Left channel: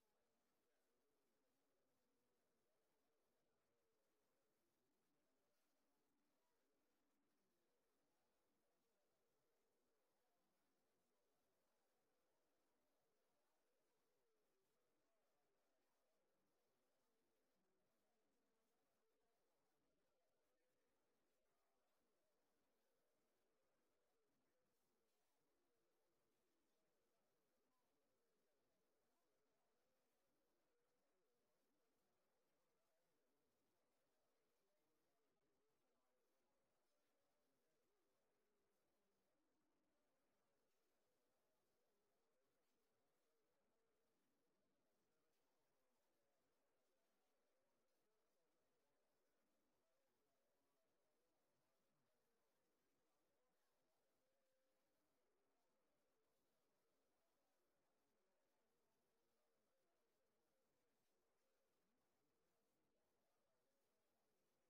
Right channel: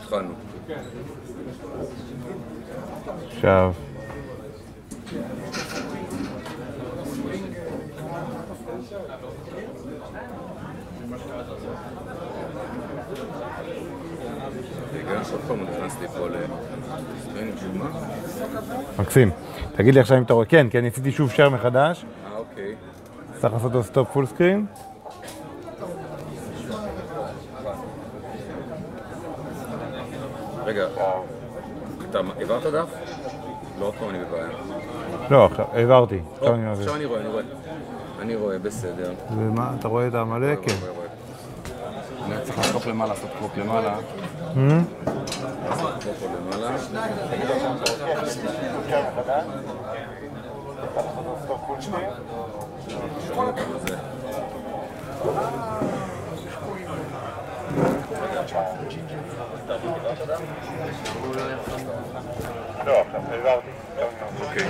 התחלנו. עכשיו. רגע, שוב פעם הוא נכנס לי פה לספרינג של מה? מקסים. תגיד לי עכשיו אם אתה רואה, כן, כי אני עשיתי שוב share מחדש. אוקיי. צריך לעשות לו סטופ פול סקרין. רגע, אתה העברת דף? לא, עוד פעם אני בבעיה. לא, עכשיו, העברתי. עכשיו אני רואה. אני רואה, בסדר. ומה, אתה רואה את המלא? כן. אני צריך לעשות למעלה, לעשות קרוק למעלה. לעשות קרוק למעלה. לא, עכשיו העברתי. אוקיי.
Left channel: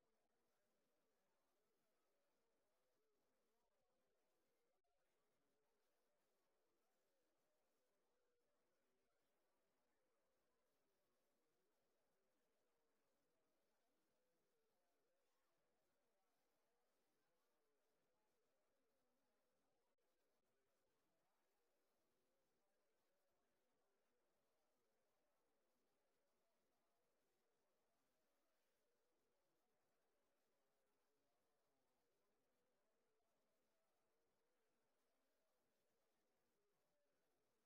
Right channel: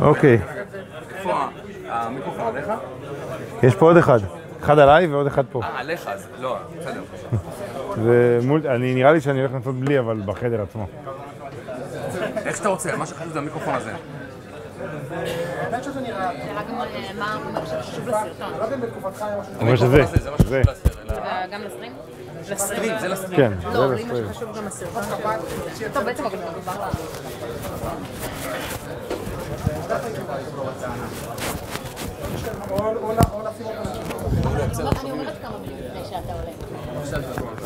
אוקיי. איפה המיקרופון עליך? יש פה עוד אחד. אחד עליי ועוד אחד פה. עליך, אז לא, בסדר. נראה לי שאני הולך לעשות בלי, אבל בחדר עצמו. איך שאתה רוצה, מה שחשוב זה המיקרופון הזה. האמת שזה נראה... נראה גם מה הוא אומר שחשוב לסרטון. לא יודע אם בתקופתך היה משהו... הוא אומר שזה. זה מה שחשוב לסרט. גם לסטרים? לסטרים, זה לסטרים. כן, זה לא, לסטרים. לי מה שחשוב גם הסרטון. טוב, בעצם אבל מדובר לה... אני אומרת כמה מילים לפני שאתה עולה.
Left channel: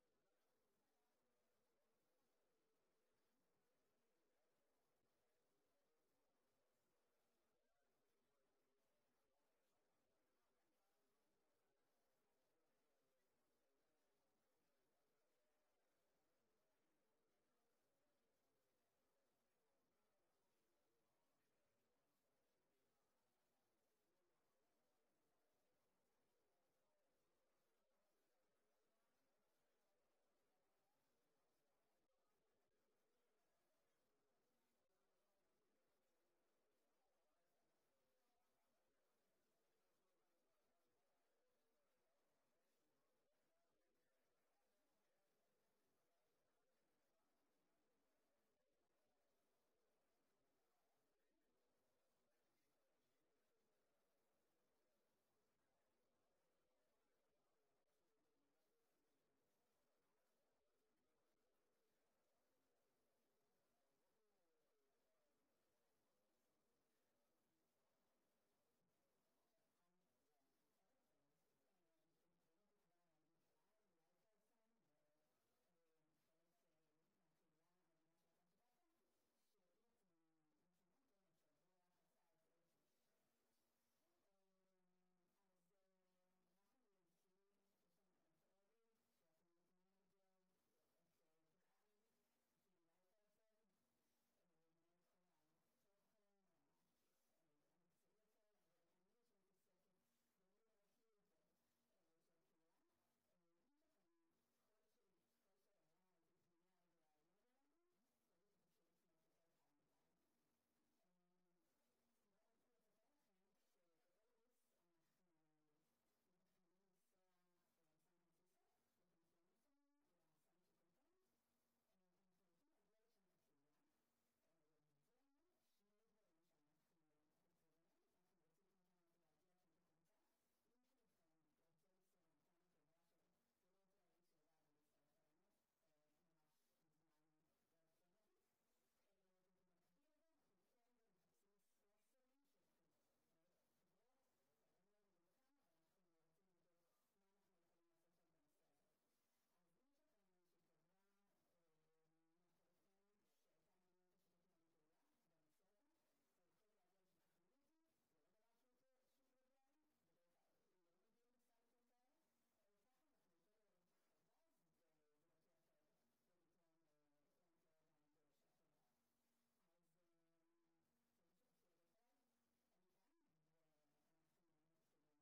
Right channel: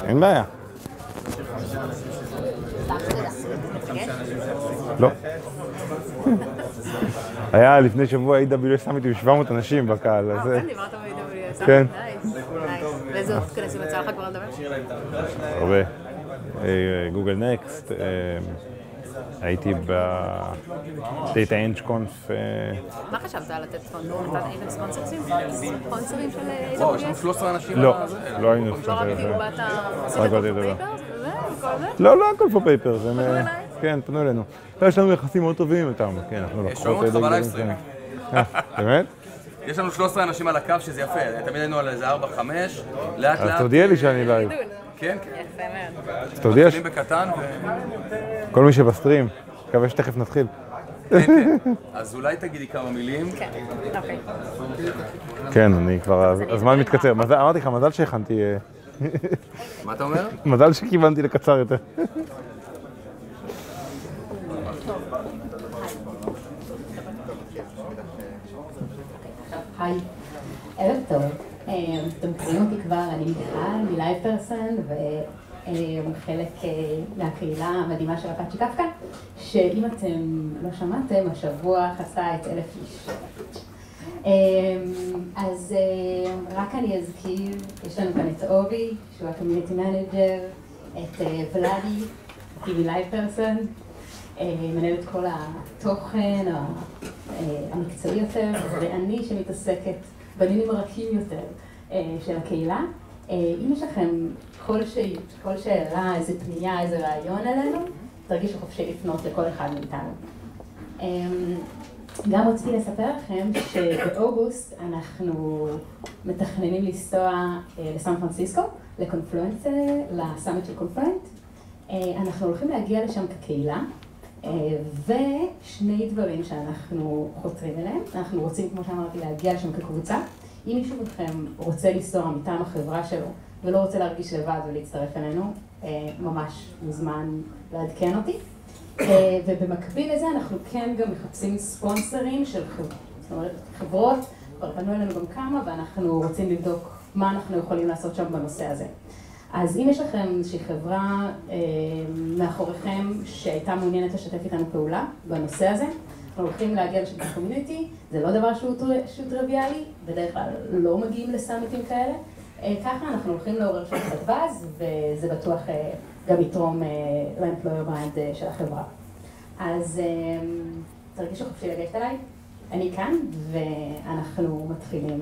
אין בעיה. לא. היה לפני שבוע AWS סמיט עם 700 אנשים בקהל. כן, דיברת ב-AWS. כן. נייס. ואיזה עוד כנסים יצא לך כבר לדבר? הרבה. גוגל נקסט. הייתי בדאטה אנג'קונף. מה חשבת על לתת ספונדור? הייתם ספונסרים? ספונסרים של AWS? וואו, יש לנו 13 אנשים. לא, לא היינו לא רק בדיוק באת... עשית רק פה באתי לדבר. פייפרס וזה? וכל זה? לא, לא הכל פה פייפר. פנו אליי? כן, פנו אלינו. יש לנו יחסים מאוד טובים איתם. כן, אנחנו לקוחות... שומעים אותך בלייבסטרים. באמת? יש לנו 13 אנשים על הקו שזה יפה. תמיד היינו על איזה 4-5. לאט לאט. אז תודיע לי שאני לייב. כן, יפה מאוד. אז תודיע מתחילים בקטן כל מי שבסטרים. מקווה שתכף נתחיל. כן. אז אולי תגידי כמה מילים. כן, אוקיי. כן, אני כבר... הזמן מתקצר. אמרתי לך, מזל שהכנתי... מה אתה אומר? מזל שכיוונתי לקצר יותר. היי, ערב טוב. אתם מכירים אותי כבר, אני מיכל, מלייב פרסן, וחלק מהקהילה המדהימה של אפאצ'י קפקא, שאם אתם לא שמעתם, השבוע חצה את 1,000 איש. אז רק אני אזכיר, יש לנו כאן את אורי, שהוא הקומיוניטי מנג'ר, את ולאדי, אותי מלייב פרסן, מנהל את כל התוכן המקצועי יותר, ואני שמתעסקת בעניינים הרכים יותר של הקהילה. אם יש לכם כל שאלה, איזה פנייה, איזה רעיון עלינו, תרגישו חופשי לפנות לכל אחד מאיתנו. גם רציתי לספר לכם שבאוגוסט אנחנו מתכננים לנסוע לסן פרנסיסקו, לקונפלואנס, לסאמיט של קונפלואנט. אנחנו הולכים להגיע לשם כקהילה, ושני דברים שאנחנו חותרים אליהם. אנחנו רוצים, כמו שאמרתי, להגיע לשם כקבוצה. אם מישהו מכם רוצה לנסוע מטעם החברה שלו ולא רוצה להרגיש לבד ולהצטרף אלינו, ממש מוזמן לעדכן אותי. ובמקביל לזה אנחנו כן גם מחפשים ספונסרים של חברות, כבר פנו אלינו גם כמה, ואנחנו רוצים לבדוק מה אנחנו יכולים לעשות שם בנושא הזה. אז אם יש לכם איזושהי חברה מאחוריכם שהייתה מעוניינת לשתף איתנו פעולה בנושא הזה, אנחנו הולכים להגיע לשתף קומיוניטי, זה לא דבר שהוא טריוויאלי, בדרך כלל לא מגיעים לסאמיטים כאלה, ככה אנחנו הולכים לעורר שם קצת באז, וזה בטוח גם יתרום ל-employer brand של החברה. אז תרגישו חופשי לגשת אליי, אני כאן, ואנחנו מתחילים.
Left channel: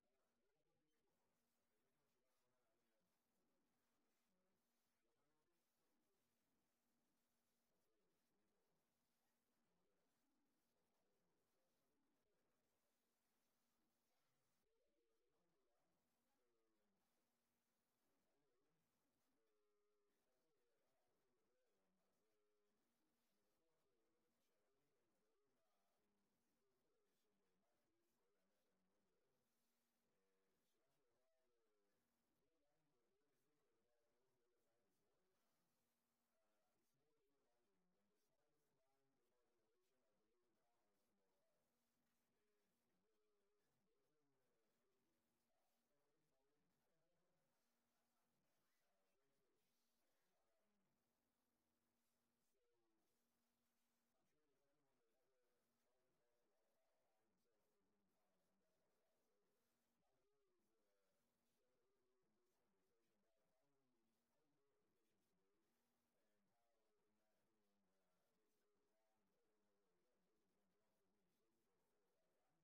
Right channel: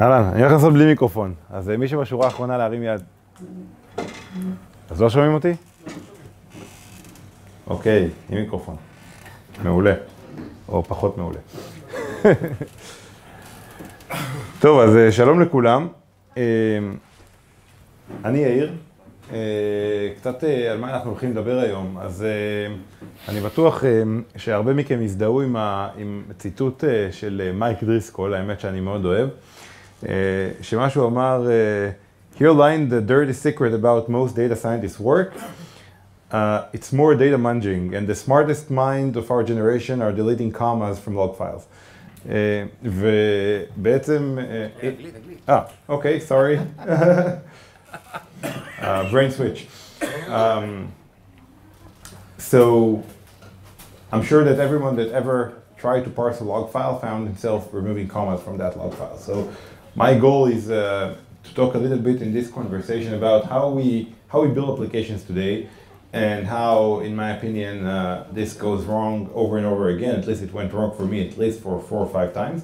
אהלן, אני הולך לעשות בלי מיקרופון, אז מי שבשורה האחרונה להרים יד. אז לא שומעים אותי? אוקיי, עם מיקרופון. מעולה, או פחות מעולה. טוב, אז שלום לכולם. אני יאיר. קצת על מה אנחנו הולכים לדבר היום. אז אני בטוח שהרבה מכם הזדהו עם ציטוט של מייק דריסקול, האמת שאני מאוד אוהב, שמשהו אמר, Here lying the dirty secret about most data scientists' work. It's more data munging, and the smartest mind of our generation are deleting commas from log files. ובעצם... אוקיי, sorry. Brain switch. So, I'm sure that everyone that ever tried to parse a log file found himself removing commas from that log file. So, my goal is to talk a little bit in this conversation about how we build applications today, and how, in my opinion, this goes wrong over and over again. At least it went wrong for me, at least for 4 or 5 times.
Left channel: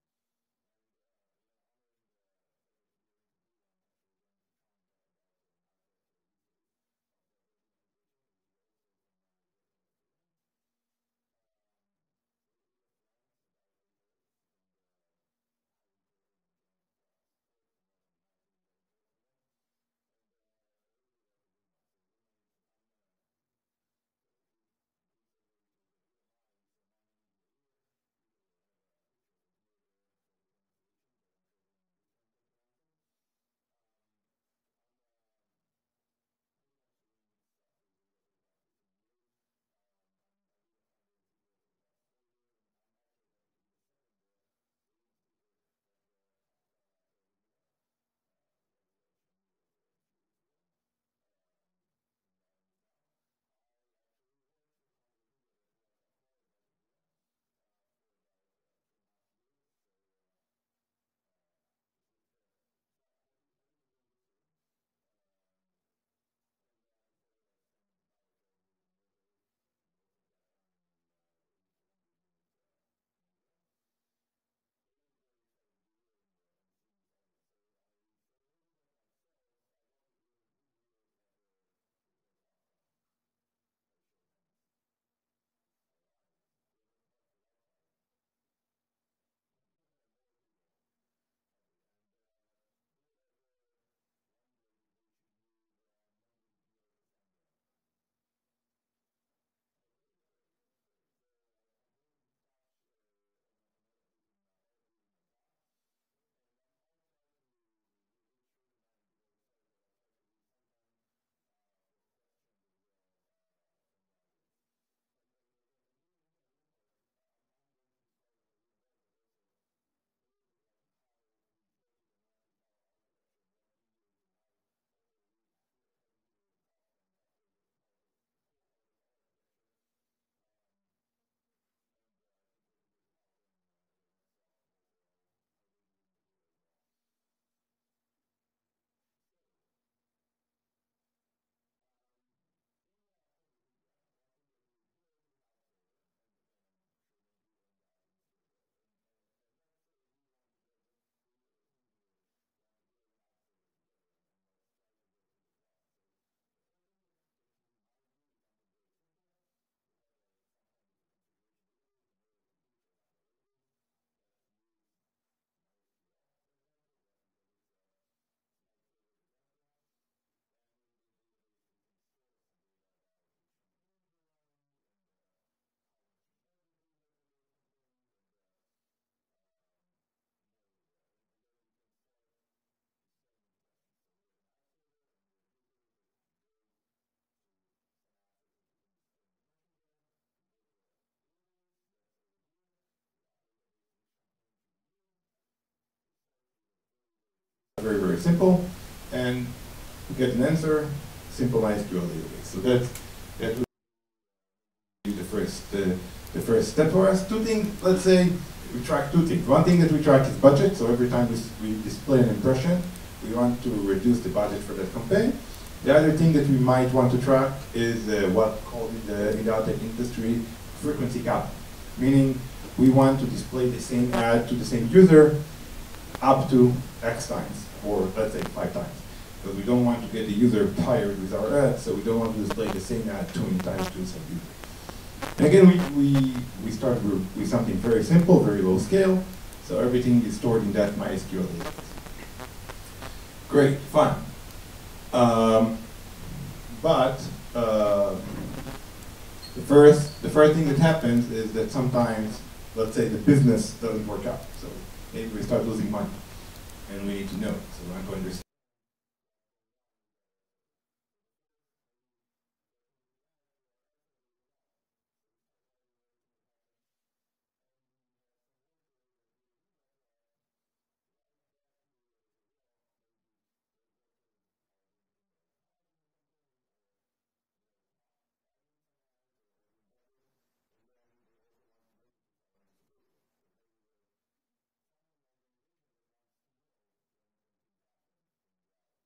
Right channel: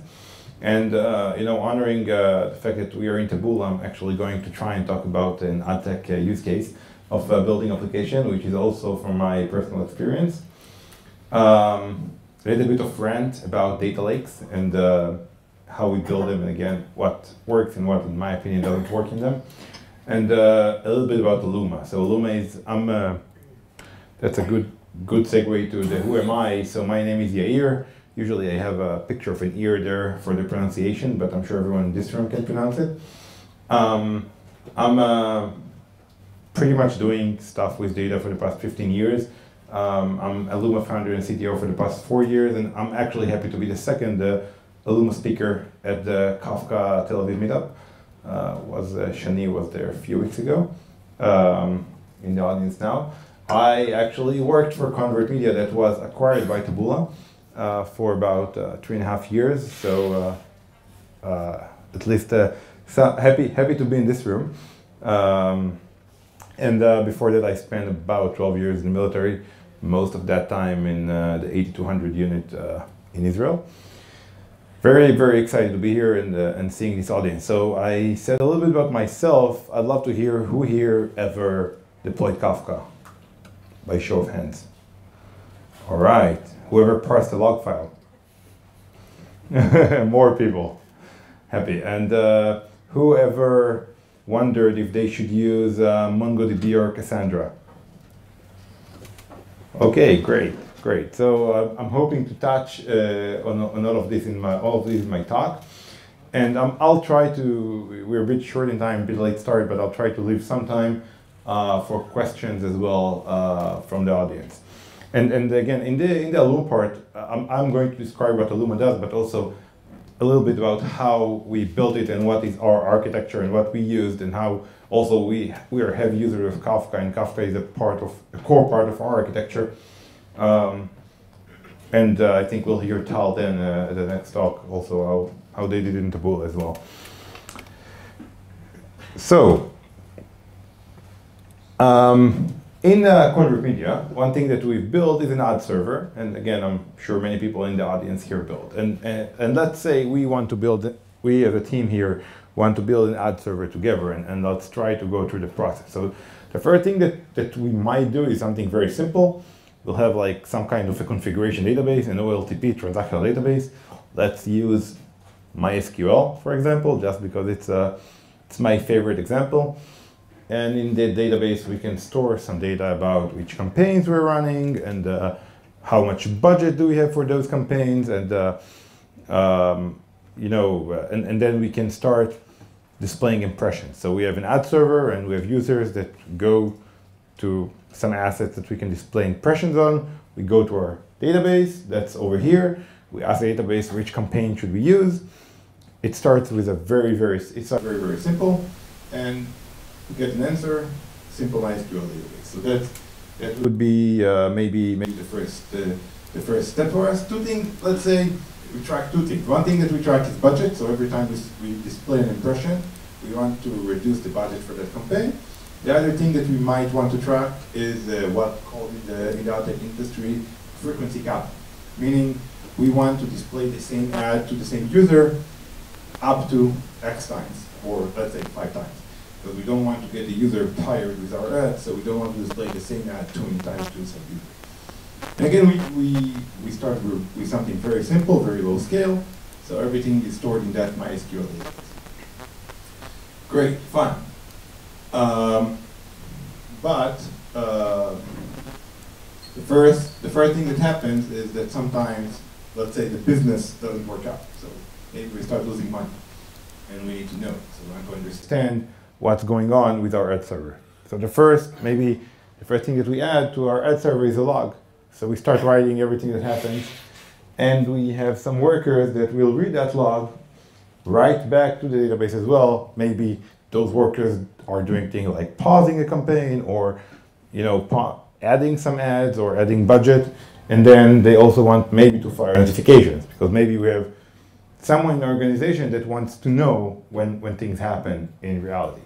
And, you know, honoring the fact that we are in Taboola, I'm actually going to try and talk about an ad tech use case of building application, which is also from my personal experience. A little bit of rant about data lakes and how we build them, and again, what works and what, in my opinion, doesn't work in them. And a little bit about Alooma. So Alooma is, that's a good segue to the who am I. So my name is Yair. Usually I have a picture of an ear there for the pronunciation, but I'm sure everyone in this room can pronounce it. I'm pretty much doing stuff with data for the past 15 years. I'm Alooma founder and CTO for the past 4 years, and I'm actually happy to be the second Alooma speaker at the Kafka Tel Aviv meetup. Shani was there a few weeks ago, in the audience now. I actually worked for Convert Media that was acquired by Taboola for about 3.5 years. So at least so happy to be in this room. And before that, I spent about 12 years in the military, most of that time in the 8200 unit in Israel. Very, very excited to be here and seeing this audience. So I said a little bit about myself. I'd love to hear who here ever deployed Kafka, by show of hands. All right, whoever parsed the log file. More people, happy. And whoever wondered if they should use MongoDB or Cassandra. Okay, great. Great. So I'm hoping to touch on all of this in my talk, and I'll try to. We're a bit short in time, a bit late start, but I'll try to leave some time for questions as well from the audience. And again, in the Alooma part, I'm going to describe what Alooma does, but also a little bit about how we built it and what is our architecture and what we used, and how also we are heavy users of Kafka, and Kafka is a core part of our architecture. And I think we'll hear Tal then at the next talk also how they did it in Taboola as well. So, in Convert Media, one thing that we've built is an ad server, and again, I'm sure many people in the audience here built. And let's say we want to build, we as a team here want to build an ad server together, and let's try to go through the process. So The first thing that we might do is something very simple. We'll have like some kind of a configuration database, an OLTP transactional database. Let's use MySQL, for example, just because it's my favorite example. And in the database, we can store some data about which campaigns we're running and how much budget do we have for those campaigns, and and then we can start displaying impressions. So we have an ad server and we have users that go to some assets that we can display impressions on. We go to our database, that's over here. We ask the database which campaign should we use. It starts with a very, very simple, and we get an answer, simple MySQL database. So that would be maybe the first step for us. Two things, let's say we track two things. One thing that we track is budget. So every time we display an impression, we want to reduce the budget for that campaign. The other thing that we might want to track is what's called in the ad tech industry frequency cap, meaning we want to display the same ad to the same user up to X times, or let's say 5 times. Because we don't want to get the user tired with our ad, so we don't want to display the same ad too many times to the same user. And again, we start with something very simple, very low scale, so everything is stored in that MySQL database. Great, fun. But the first thing that happens is that sometimes, let's say, the business doesn't work out. So maybe we start losing money, and we need to know. So we want to understand what's going on with our ad server. So the first thing that we add to our ad server is a log. So we start writing everything that happens, and we have some workers that will read that log, write back to the database as well. Maybe those workers are doing things like pausing a campaign, or adding some ads or adding budget. And then they also want maybe to fire notifications, because maybe we have someone in the organization that wants to know when things happen in reality.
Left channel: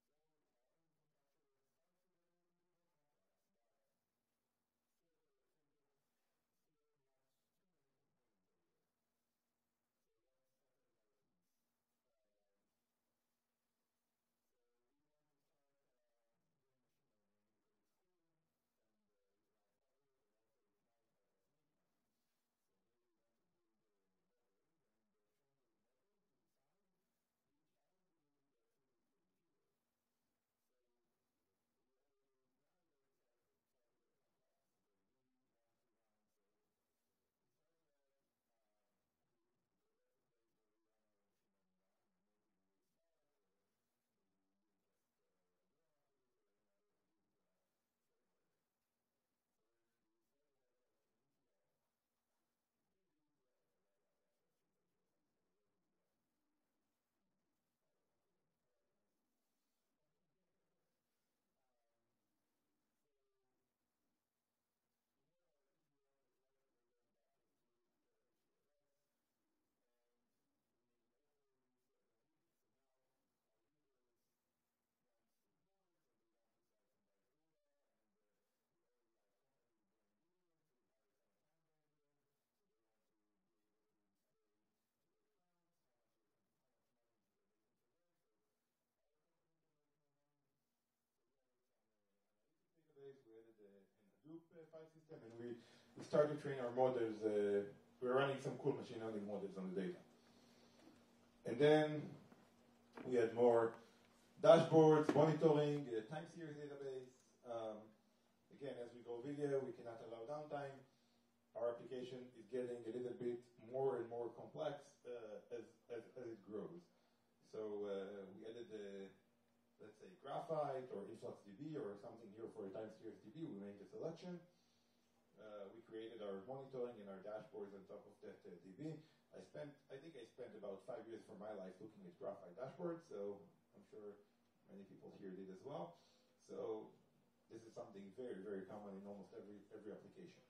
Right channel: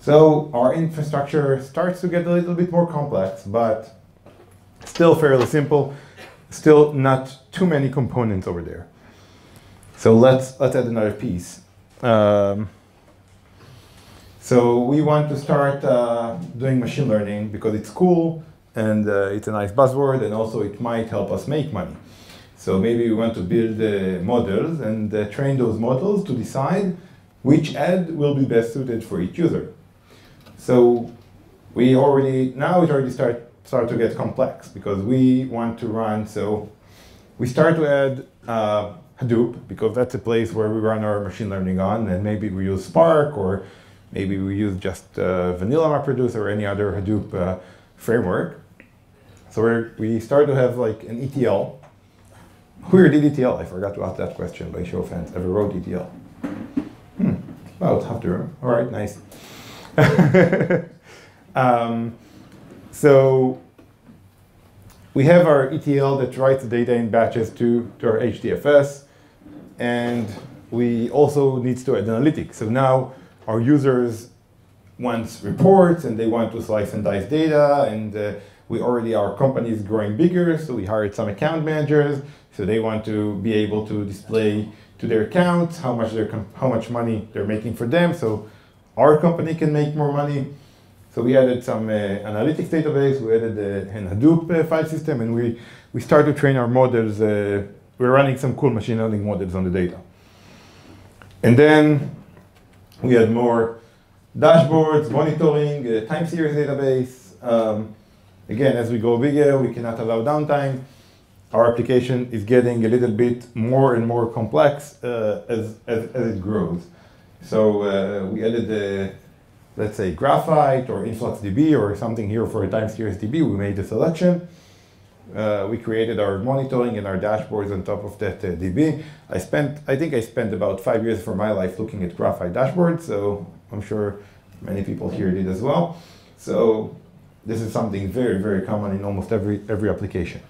So our infrastructure starts to get a little bit more complex, but still fairly simple, still not too many components over there. So let's add another piece. So we want to start doing machine learning because it's cool, and it's a nice buzzword, and also it might help us make money. So maybe we want to build models and train those models to decide which ad will be best suited for each user. So it already start to get complex, because we want to run, so we start to add Hadoop, because that's a place where we run our machine learning on, and maybe we use Spark, or maybe we use just vanilla MapReduce or any other Hadoop framework. So we start to have like an ETL. Who here did ETL? I forgot to ask that question by show of hands. Ever wrote ETL? About half the room. All right, nice. So we have our ETL that writes the data in batches to our HDFS, and we also need to add analytics. So now our users want reports, and they want to slice and dice data, and our company is growing bigger, so we hired some account managers, so they want to be able to display to their accounts how much money they're making for them, so our company can make more money. So we added some analytics database, we added a Hadoop file system, and we start to train our models. We're running some cool machine learning models on the data. And then we had more dashboards, monitoring, time series database. Again, as we go bigger, we cannot allow downtime. Our application is getting a little bit more and more complex as it grows. So we added, let's say, Graphite or InfluxDB or something here for a time series DB. We made the selection. We created our monitoring and our dashboards on top of that DB. I think I spent about 5 years of my life looking at Graphite dashboards, so I'm sure many people here did as well. So this is something very, very common in almost every application.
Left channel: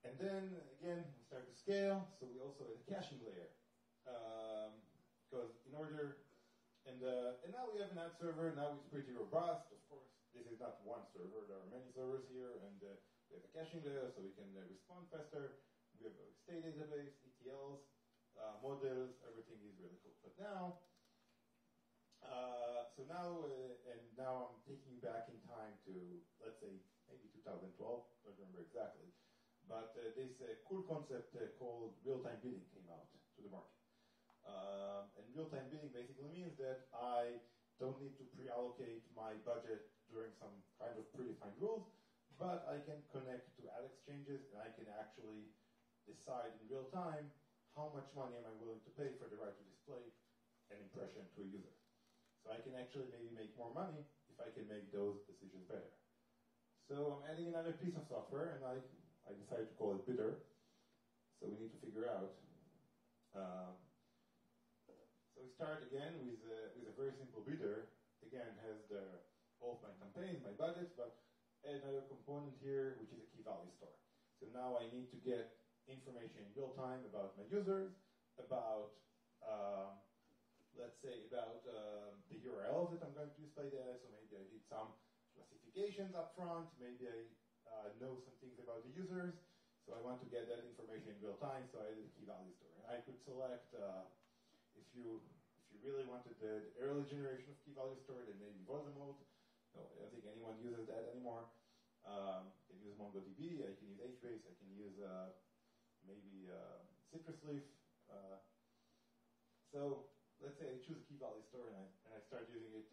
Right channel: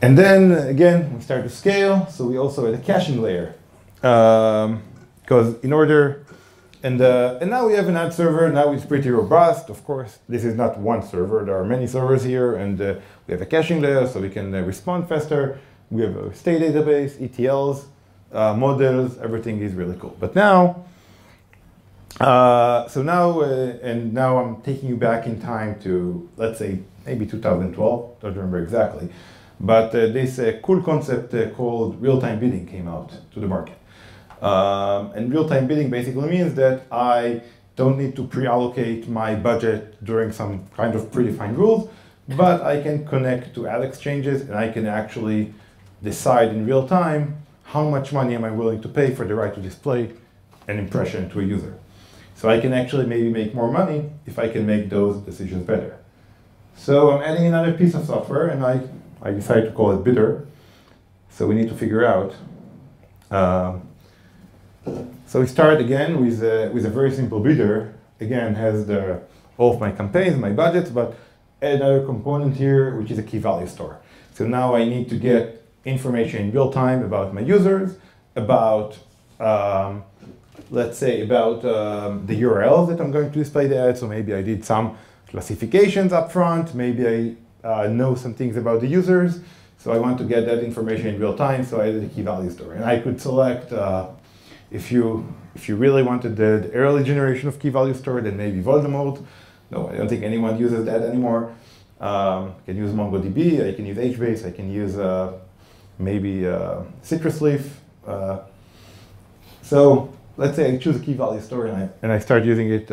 And then again, we start to scale. So we also had a caching layer, because and now we have an ad server. Now it's pretty robust. Of course, this is not one server. There are many servers here, and we have a caching layer, so we can respond faster. We have a state database, ETLs, models. Everything is really cool. But now So now, and now I'm taking you back in time to, let's say, maybe 2012, don't remember exactly. But this cool concept called real-time bidding came out to the market. And real-time bidding basically means that I don't need to pre-allocate my budget during some kind of predefined rules, but I can connect to ad exchanges and I can actually decide in real time how much money am I willing to pay for the right to display an impression to a user. So I can actually maybe make more money if I can make those decisions better. So I'm adding another piece of software and I decided to call it Bidder. So we need to figure out. So we start again with a very simple bidder. Again, has all of my campaigns, my budgets, but another component here, which is a key value store. So now I need to get information in real time about my users, about, let's say, about the URLs that I'm going to display the ad. So maybe I did some classifications up front. Maybe I know some things about the users. So I want to get that information in real time. So I added a key value store. And I could select, if you really wanted the early generation of key value store, then maybe Voldemort. No, I don't think anyone uses that anymore. I can use MongoDB, I can use HBase, I can use maybe Citrus Leaf. So let's say I choose a key value store and I start using it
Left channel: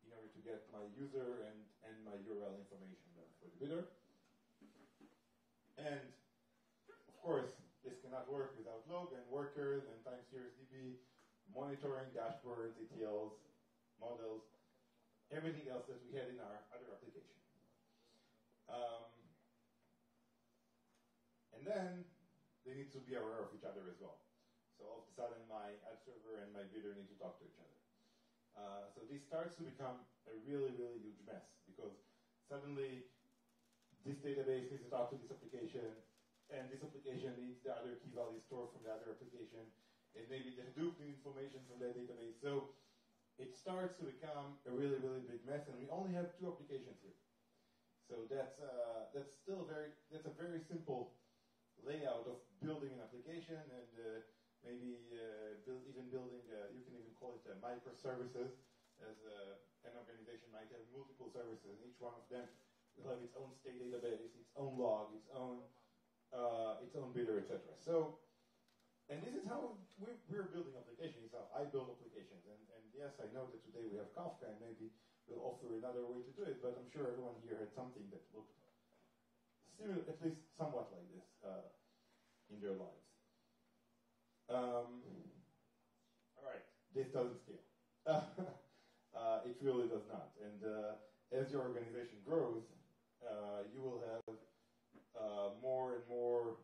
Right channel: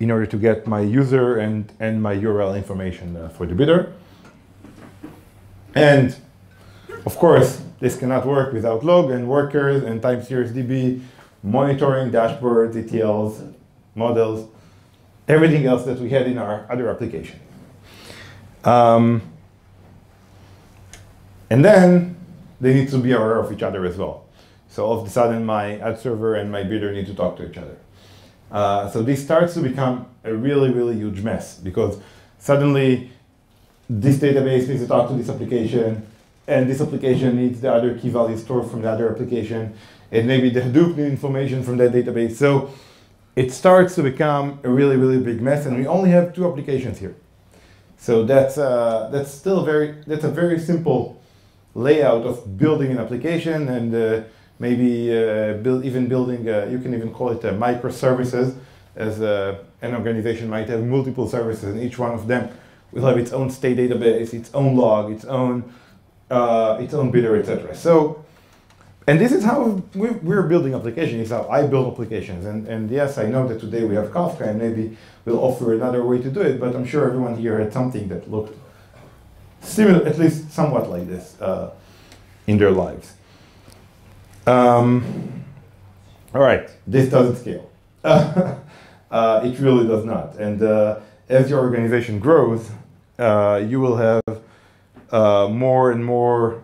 in order to get my user and my URL information for the bidder. And of course, this cannot work without log and workers and time series DB, monitoring, dashboards, ETLs, models, everything else that we had in our other application. And then they need to be aware of each other as well. So all of a sudden, my ad server and my bidder need to talk to each other. So this starts to become a really, really huge mess because suddenly this database needs to talk to this application, and this application needs the other key value store from the other application, and maybe the Hadoop needs information from that database. So it starts to become a really, really big mess, and we only have 2 applications here. So that's still a very simple layout of building an application, and maybe even building, you can even call it microservices, as an organization might have multiple services, and each one of them will have its own state database, its own log, its own bidder, etc. So, and this is how we're building applications. It's how I build applications. And yes, I know that today we have Kafka, and maybe we'll offer another way to do it, but I'm sure everyone here had something that looked similar, at least somewhat like this, in their lives. All right, this doesn't scale. It really does not. And as your organization grows, you will have more and more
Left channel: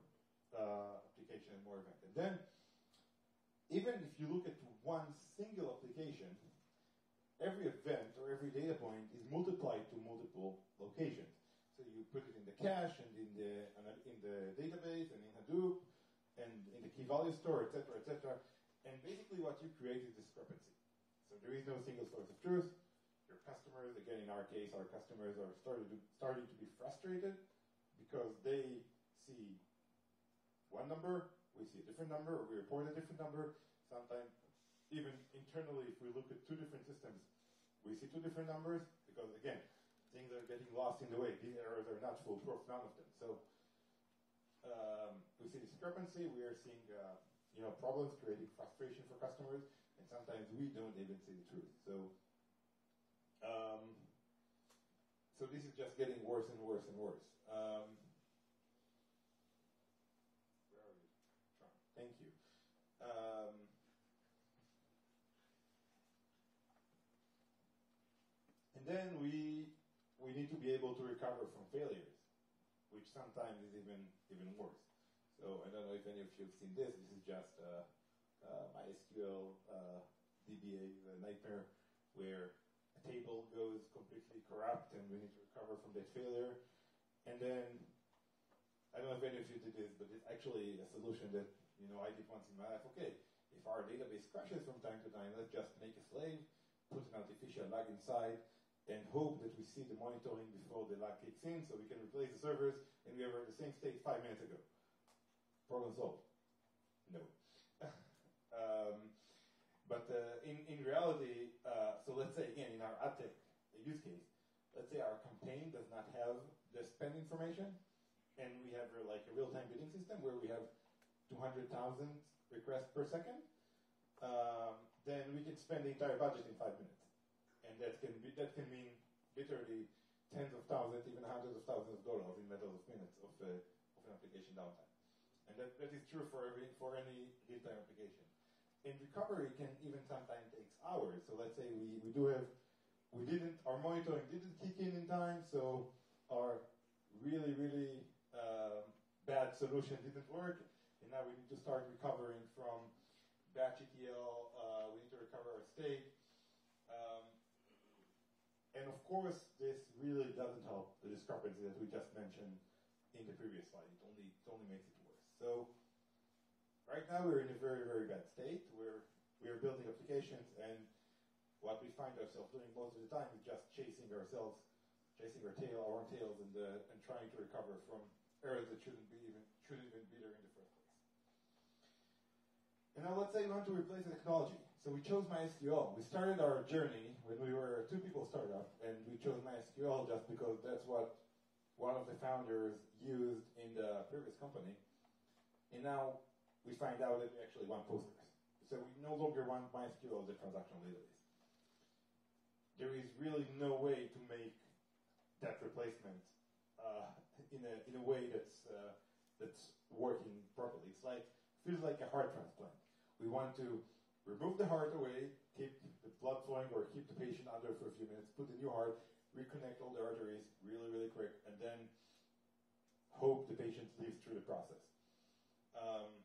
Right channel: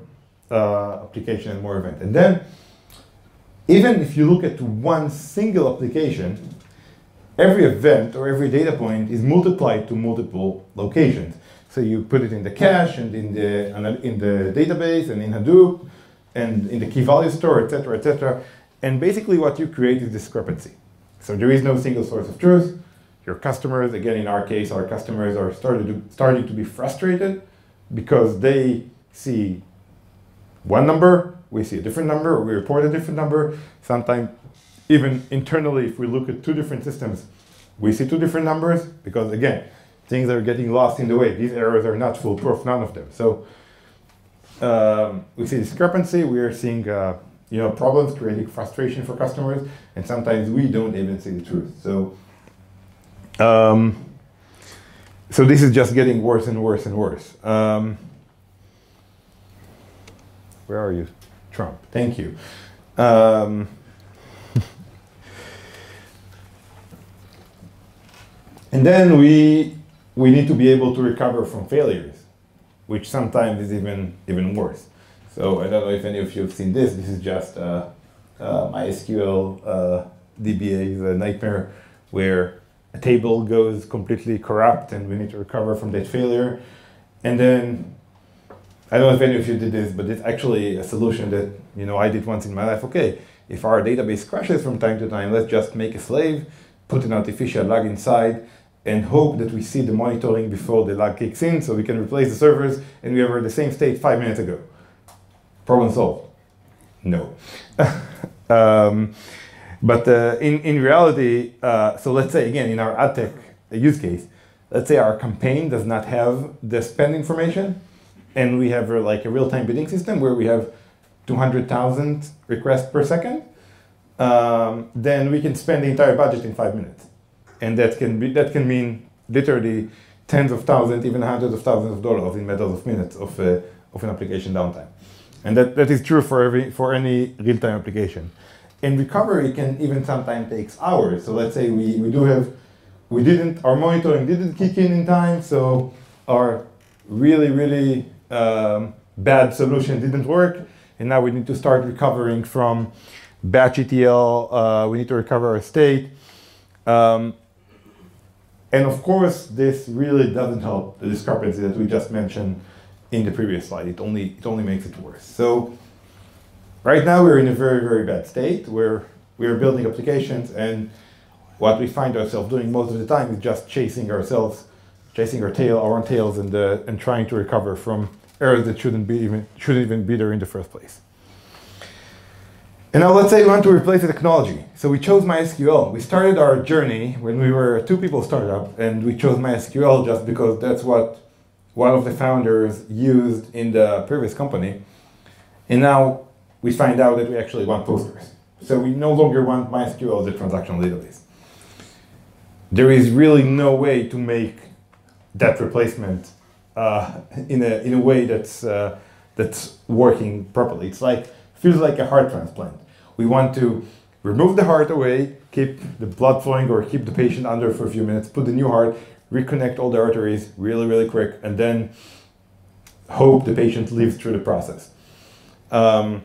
application and more event. And then, even if you look at one single application, every event or every data point is multiplied to multiple locations. So you put it in the cache and in the database and in Hadoop and in the key value store, etc., etc. And basically what you create is discrepancy. So there is no single source of truth. Your customers, again, in our case, our customers are starting to be frustrated because they see one number, we see a different number, or we report a different number. Sometimes even internally, if we look at 2 different systems, we see 2 different numbers because, again, things are getting lost in the way. These errors are not foolproof, none of them. So we see discrepancy, we are seeing problems, creating frustration for customers, and sometimes we don't even see the truth. So so this is just getting worse and worse and worse. Where are you? Trump, thank you. And then we need to be able to recover from failures, which sometimes is even worse. So I don't know if any of you have seen this. This is just MySQL DBA's nightmare, where a table goes completely corrupt and we need to recover from that failure. And then, I don't know if any of you did this, but it's actually a solution that I did once in my life. Okay, if our database crashes from time to time, let's just make a slave, put an artificial lag inside, and hope that we see the monitoring before the lag kicks in so we can replace the servers and we are in the same state 5 minutes ago. Problem solved. No. But in reality, so let's say again, in our ad tech use case, let's say our campaign does not have the spend information, and we have like a real-time bidding system where we have 200,000 requests per second, then we can spend the entire budget in 5 minutes. And that can mean literally tens of thousands, even hundreds of thousands of dollars in matters of minutes of an application downtime. And that is true for any real-time application. And recovery can even sometimes take hours. So let's say our monitoring didn't kick in time, so our really bad solution didn't work, and now we need to start recovering from batch ETL, we need to recover our state. And of course, this really doesn't help the discrepancy that we just mentioned in the previous slide. It only makes it worse. So right now we're in a very bad state where we are building applications, and what we find ourselves doing most of the time is just chasing our own tails, and trying to recover from errors that shouldn't even be there in the first place. And now let's say we want to replace the technology. So we chose MySQL. We started our journey when we were a 2-people startup, and we chose MySQL just because that's what one of the founders used in the previous company. And now we find out that we actually want Postgres. So we no longer want MySQL as a transactional database. There is really no way to make that replacement in a way that's working properly. Feels like a heart transplant. We want to remove the heart away, keep the blood flowing, or keep the patient under for a few minutes, put the new heart, reconnect all the arteries really quick, and then hope the patient lives through the process. So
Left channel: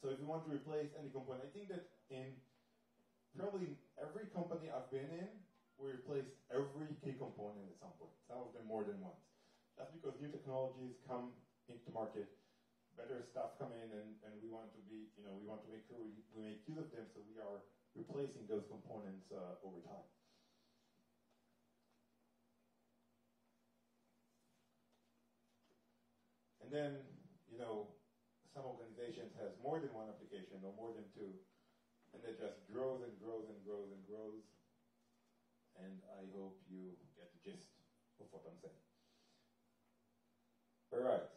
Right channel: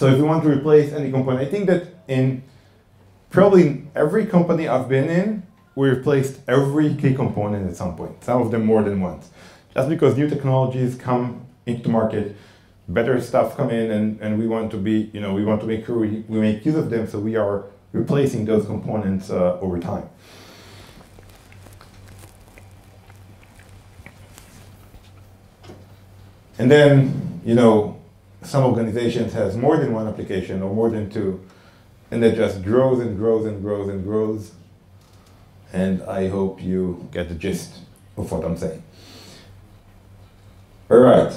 if we want to replace any component, I think that in probably every company I've been in, we replaced every key component at some point, some of them more than once. Just because new technologies come into the market, better stuff come in, and we want to be, we want to make sure we make use of them, so we are replacing those components over time. And then, some organizations has more than one application or more than two, and that just grows and grows and grows and grows. And I hope you get the gist of what I'm saying. All right.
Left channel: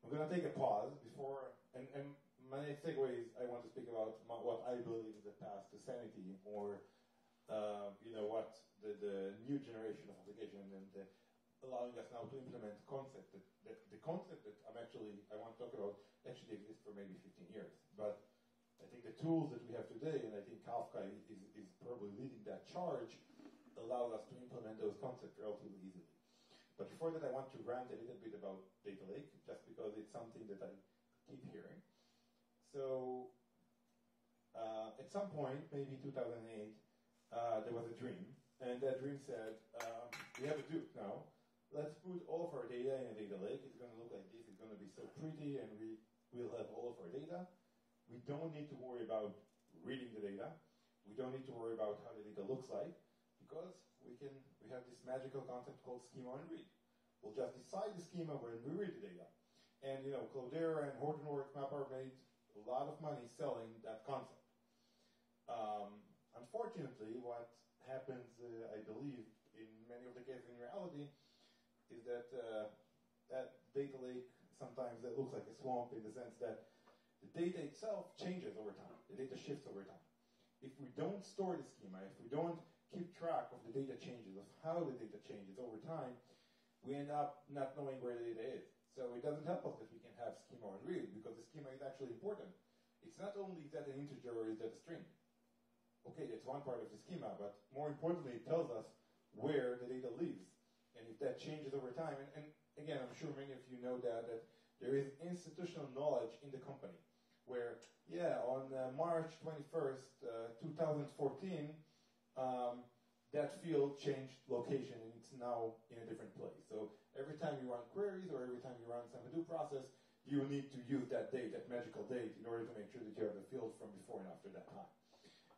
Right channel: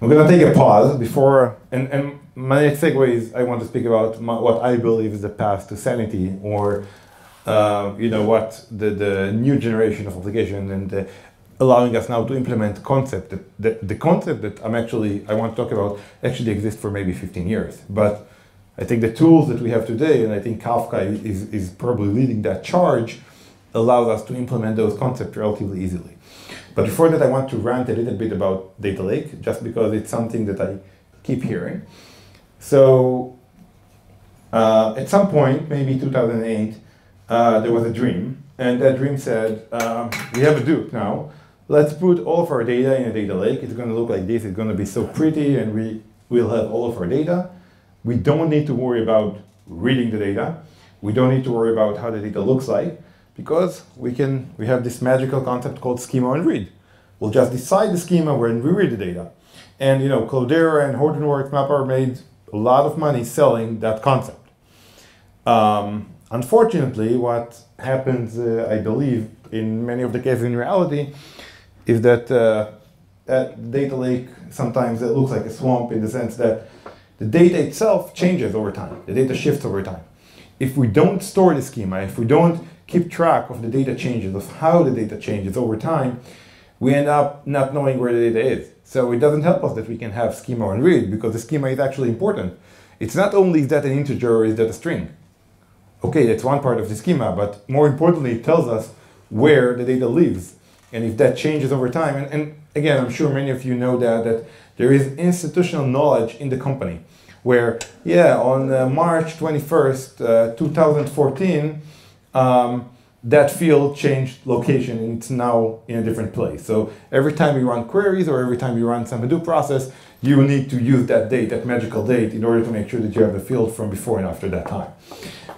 I'm going to take a pause before, and my next segue is I want to speak about what I believe is the path to sanity, or what the new generation of application, and allowing us now to implement concept the concept that I want to talk about actually exists for maybe 15 years. But I think the tools that we have today, and I think Kafka is probably leading that charge, allows us to implement those concepts relatively easily. But before that, I want to rant a little bit about data lake, just because it's something that I keep hearing. So at some point, maybe 2008, there was a dream, and that dream said, we have a Duke now. Let's put all of our data in a data lake. It's going to look like this. It's going to be so pretty, and we will have all of our data. We don't need to worry about reading the data. We don't need to worry about how the data looks like, because we have this magical concept called schema and read. We'll just decide the schema when we read the data. And Cloudera and Hortonworks Mapper made a lot of money selling that concept. Unfortunately, what happens, I believe, in many of the cases in reality, is that data lake sometimes it looks like a swamp, in the sense that the data itself changes over time. The data shifts over time. If we don't store the schema, if we don't keep track of the data changes, of how the data changes over time, we end up not knowing where the data is. So it doesn't help us that we can have schema and read, because the schema is actually important. It's not only is that an integer or is that a string. Okay, that's one part of the schema, but more importantly, it tells us where the data lives. And if that changes over time, and again, I'm sure many of you know that there is institutional knowledge in the company, where, on March 21st, 2014, that field changed location, and it's now in a different place. So every time you run queries, or every time you run some Hadoop process, you need to use that date, that magical date, in order to make sure that you have the field from before and after that time.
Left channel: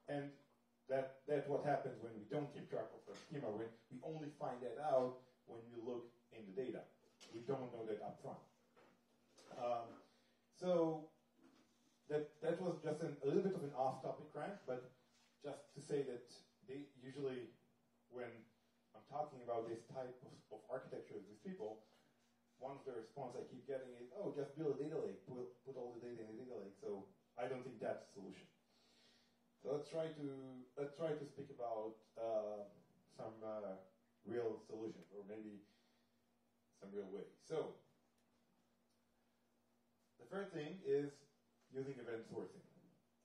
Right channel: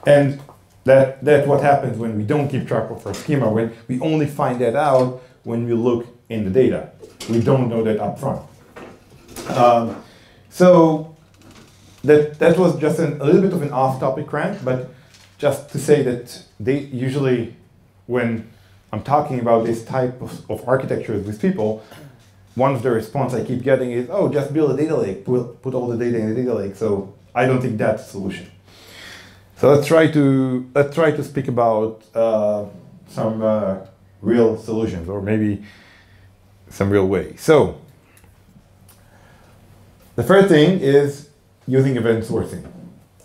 And that's what happens when we don't keep track of our schema, when we only find that out when we look in the data. We don't know that up front. So that was just a little bit of an off-topic rant, but just to say that they usually, when I'm talking about this type of architecture with people, one of the response I keep getting is, oh, just build a data lake, put all the data in the data lake. So I don't think that's a solution. So let's try to speak about some real solutions, or maybe some real way. So the first thing is using event sourcing.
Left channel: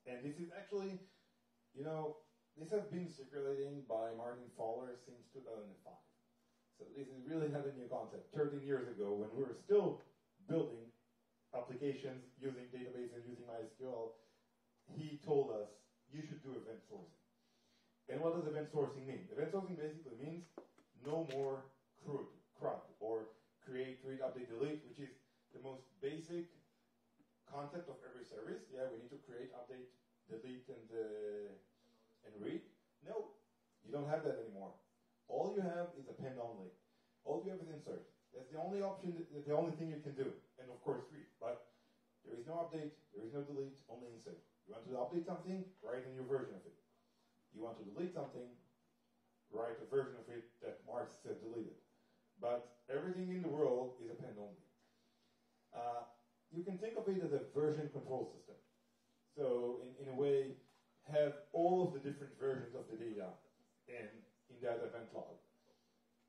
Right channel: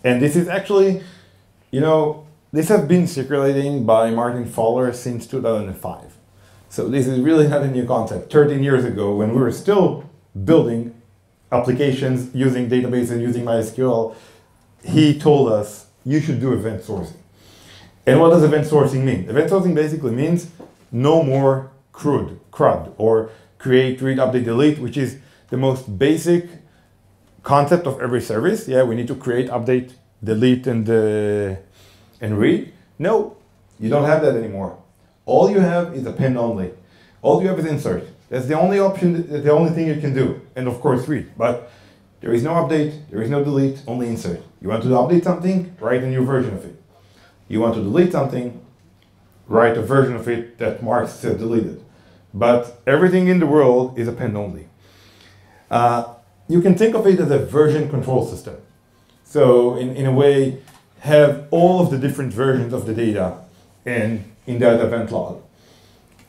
And this is actually, this has been circulating by Martin Fowler since 2005. So this is really not a new concept. 13 years ago, when we were still building applications using databases, using MySQL, he told us, you should do event sourcing. And what does event sourcing mean? Event sourcing basically means no more CRUD, or create, read, update, delete, which is the most basic concept of every service. Yeah, we need to create, update, delete, and read. No, you don't have that anymore. All you have is append only. All you have is insert. That's the only option, the only thing you can do. And of course read, but there is no update, there is no delete, only insert. You want to update something, write a new version of it. You want to delete something, write a version of it that marks says deleted. But everything in the world is append only. You can think of it as a version control system. So in a way, have all of the different versions of the data in that event log.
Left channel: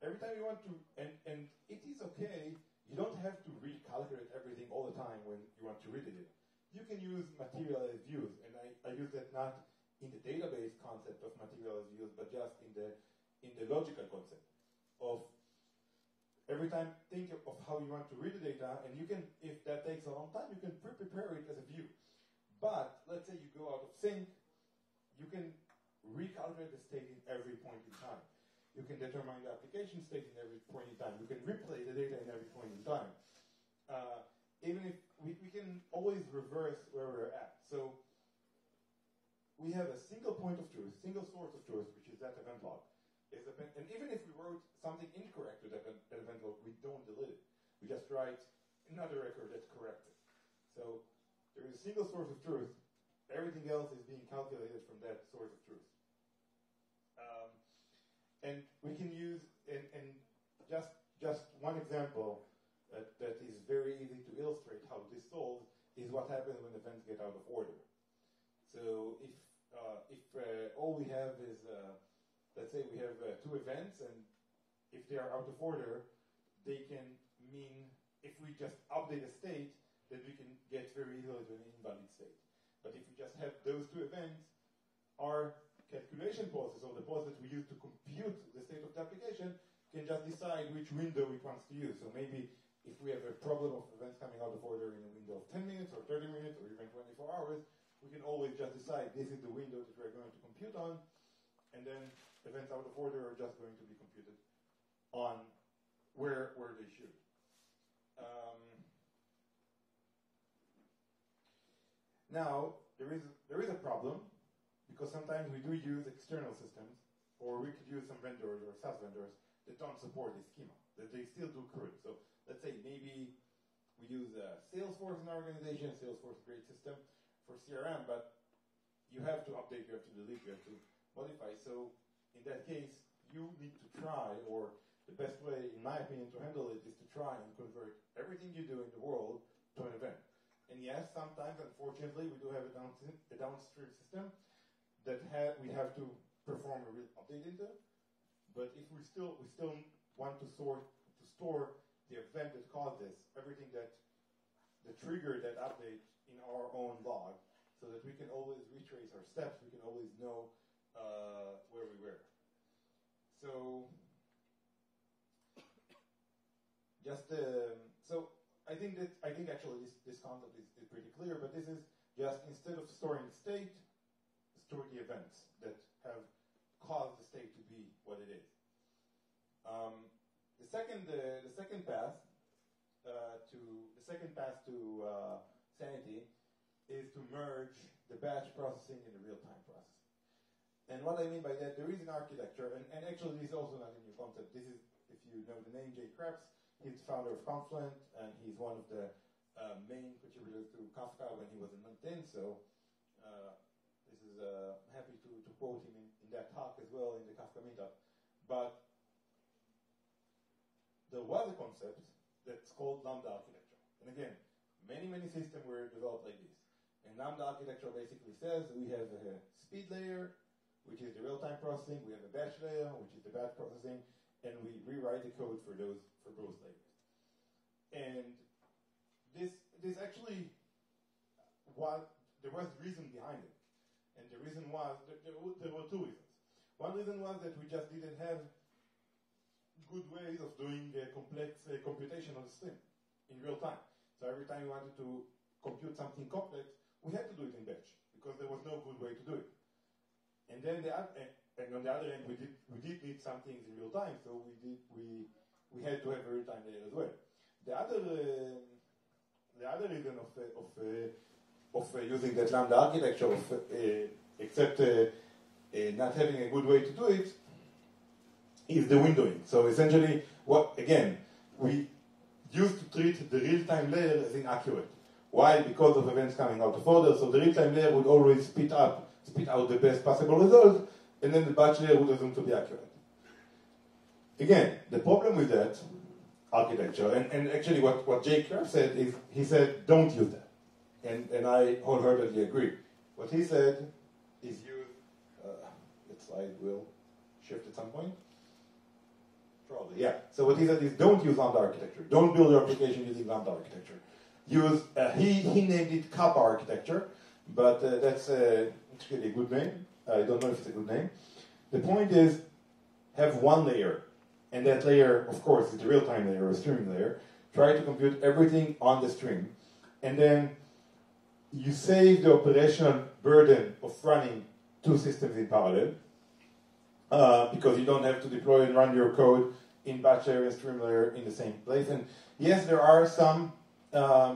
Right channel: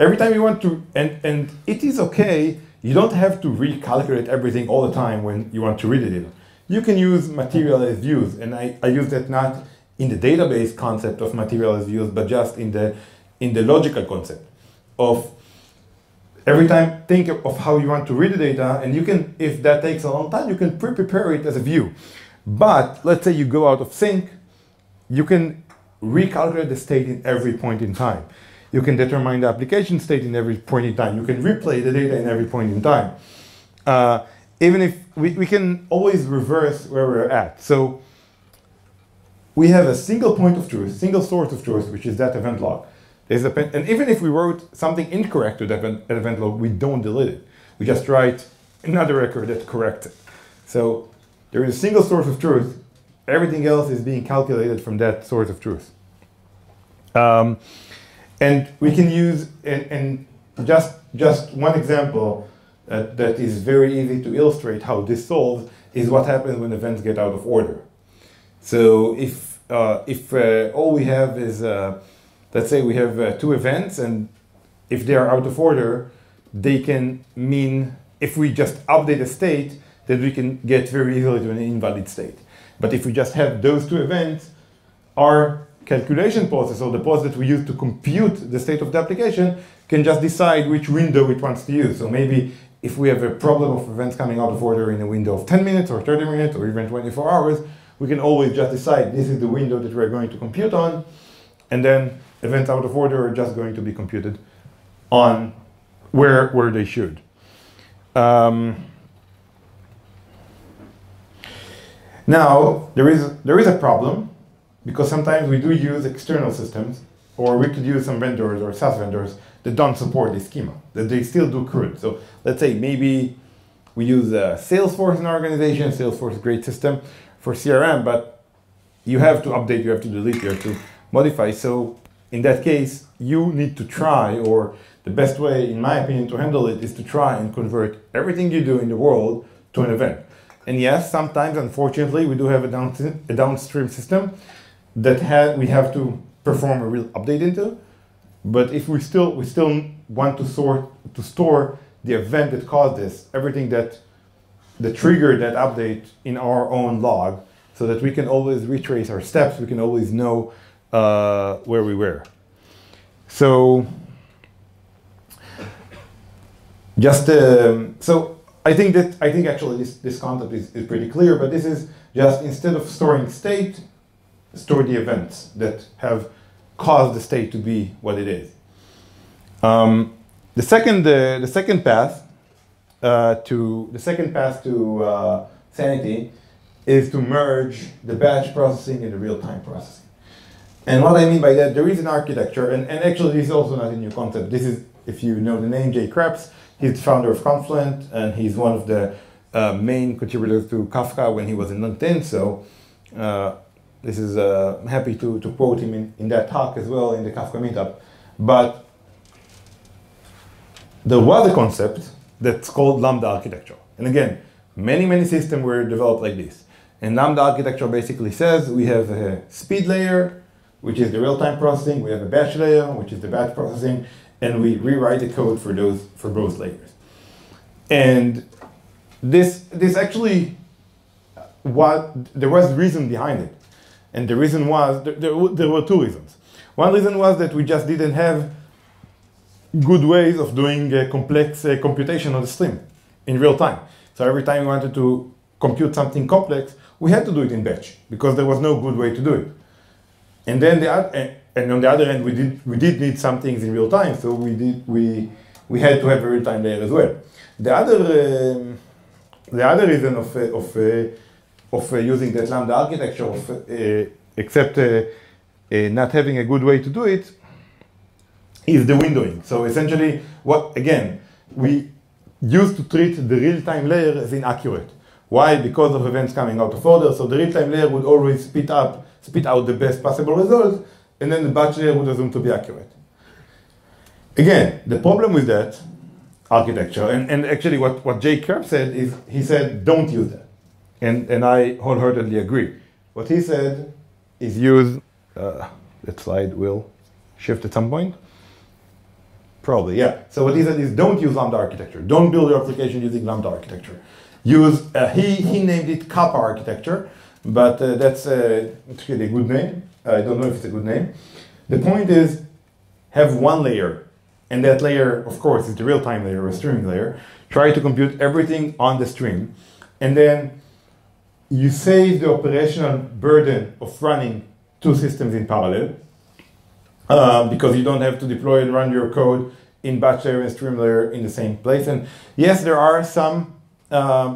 Every time you want to, and it is okay, you don't have to recalculate everything all the time when you want to read the data. You can use materialized views, and I use that not in the database concept of materialized views, but just in the logical concept of every time think of how you want to read the data, and you can, if that takes a long time, you can prepare it as a view. But let's say you go out of sync, you can recalculate the state in every point in time. You can determine the application state in every point in time. You can replay the data in every point in time. Even if we can always reverse where we're at. So we have a single point of truth, single source of truth, which is that event log. And even if we wrote something incorrect to that event log, we don't delete it. We just write another record that corrects it. So there is a single source of truth. Everything else is being calculated from that source of truth. And we can use, and just one example that is very easy to illustrate how this solves is what happens when events get out of order. So if all we have is, let's say we have two events, and if they are out of order, they can mean, if we just update a state, that we can get very easily to an invalid state. But if we just have those two events, our calculation process, or the process that we use to compute the state of the application, can just decide which window it wants to use. So maybe if we have a problem of events coming out of order in a window of 10 minutes or 30 minutes or even 24 hours, we can always just decide this is the window that we're going to compute on, and then events out of order are just going to be computed on where they should. Now, there is a problem, because sometimes we do use external systems, or we could use some vendors or SaaS vendors that don't support this schema, that they still do CRUD. So let's say maybe we use Salesforce in our organization. Salesforce is a great system for CRM, but you have to update, you have to delete, you have to modify. So in that case, you need to try, or the best way, in my opinion, to handle it is to try and convert everything you do in the world to an event. And yes, sometimes, unfortunately, we do have a downstream system that we have to perform a real update into. But if we still want to store the event that caused this, everything that triggered that update in our own log, so that we can always retrace our steps, we can always know where we were. So just so I think actually this concept is pretty clear, but this is just, instead of storing state, store the events that have caused the state to be what it is. The second path to sanity is to merge the batch processing and the real-time processing. And what I mean by that, there is an architecture, and actually this is also not a new concept. This is, if you know the name, Jay Krebs. He's the founder of Confluent, and he's one of the main contributors to Kafka when he was in LinkedIn. So this is I'm happy to quote him in that talk as well in the Kafka meetup. But there was a concept that's called Lambda Architecture. And again, many systems were developed like this. And Lambda Architecture basically says we have a speed layer, which is the real-time processing. We have a batch layer, which is the batch processing, and we rewrite the code for both layers. And this actually, there was reason behind it. And the reason was, there were two reasons. One reason was that we just didn't have good ways of doing complex computation on the stream in real time. So every time we wanted to compute something complex, we had to do it in batch because there was no good way to do it. And then on the other end, we did need some things in real time, so we had to have a real time layer as well. The other reason of using that Lambda architecture, except not having a good way to do it, is the windowing. So essentially, we used to treat the real-time layer as inaccurate. Why? Because of events coming out of order. So the real-time layer would always spit out the best possible result, and then the batch layer would assume to be accurate. Again, the problem with that architecture, and actually what Jay Kerb said is, he said, don't use that. And I wholeheartedly agree. What he said is use, that slide will shift at some point. Probably, yeah. So what he said is don't use Lambda architecture. Don't build your application using Lambda architecture. Use, he named it Kappa architecture, but that's actually a good name. I don't know if it's a good name. The point is, have one layer, and that layer, of course, is the real-time layer or streaming layer. Try to compute everything on the stream, and then you save the operational burden of running two systems in parallel, because you don't have to deploy and run your code in batch layer and stream layer in the same place. And yes, there are some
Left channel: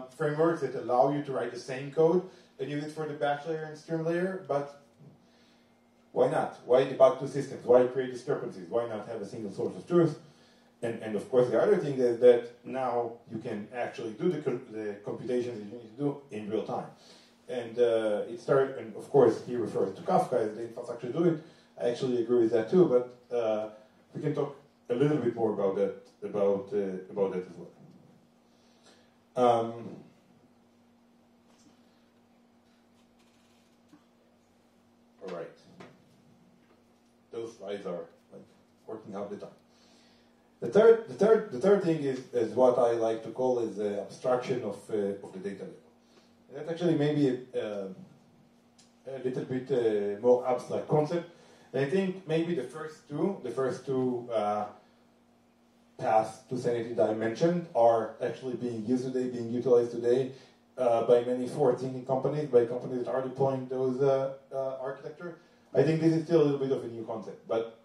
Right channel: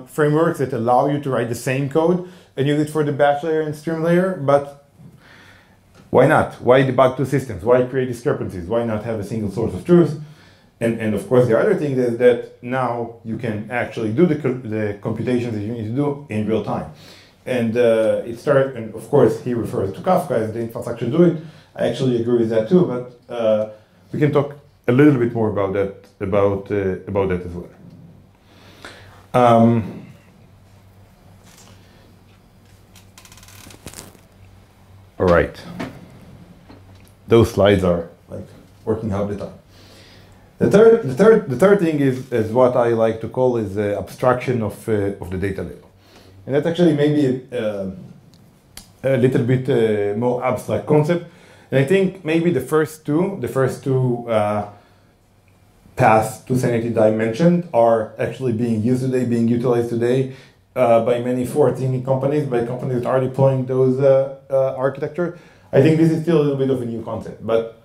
frameworks that allow you to write the same code and use it for the batch layer and stream layer, but why not? Why debug two systems? Why create discrepancies? Why not have a single source of truth? And of course, the other thing is that now you can actually do the computations that you need to do in real time. And and of course, he refers to Kafka as the infrastructure to do it. I actually agree with that too, but we can talk a little bit more about that as well. All right. Those slides are like working half the time. The third thing is what I like to call is the abstraction of the data layer, and that's actually maybe a little bit more abstract concept. And I think maybe the first two paths to sanity that I mentioned are actually being used today, being utilized today by many forward-thinking companies, by companies that are deploying those architecture. I think this is still a little bit of a new concept. But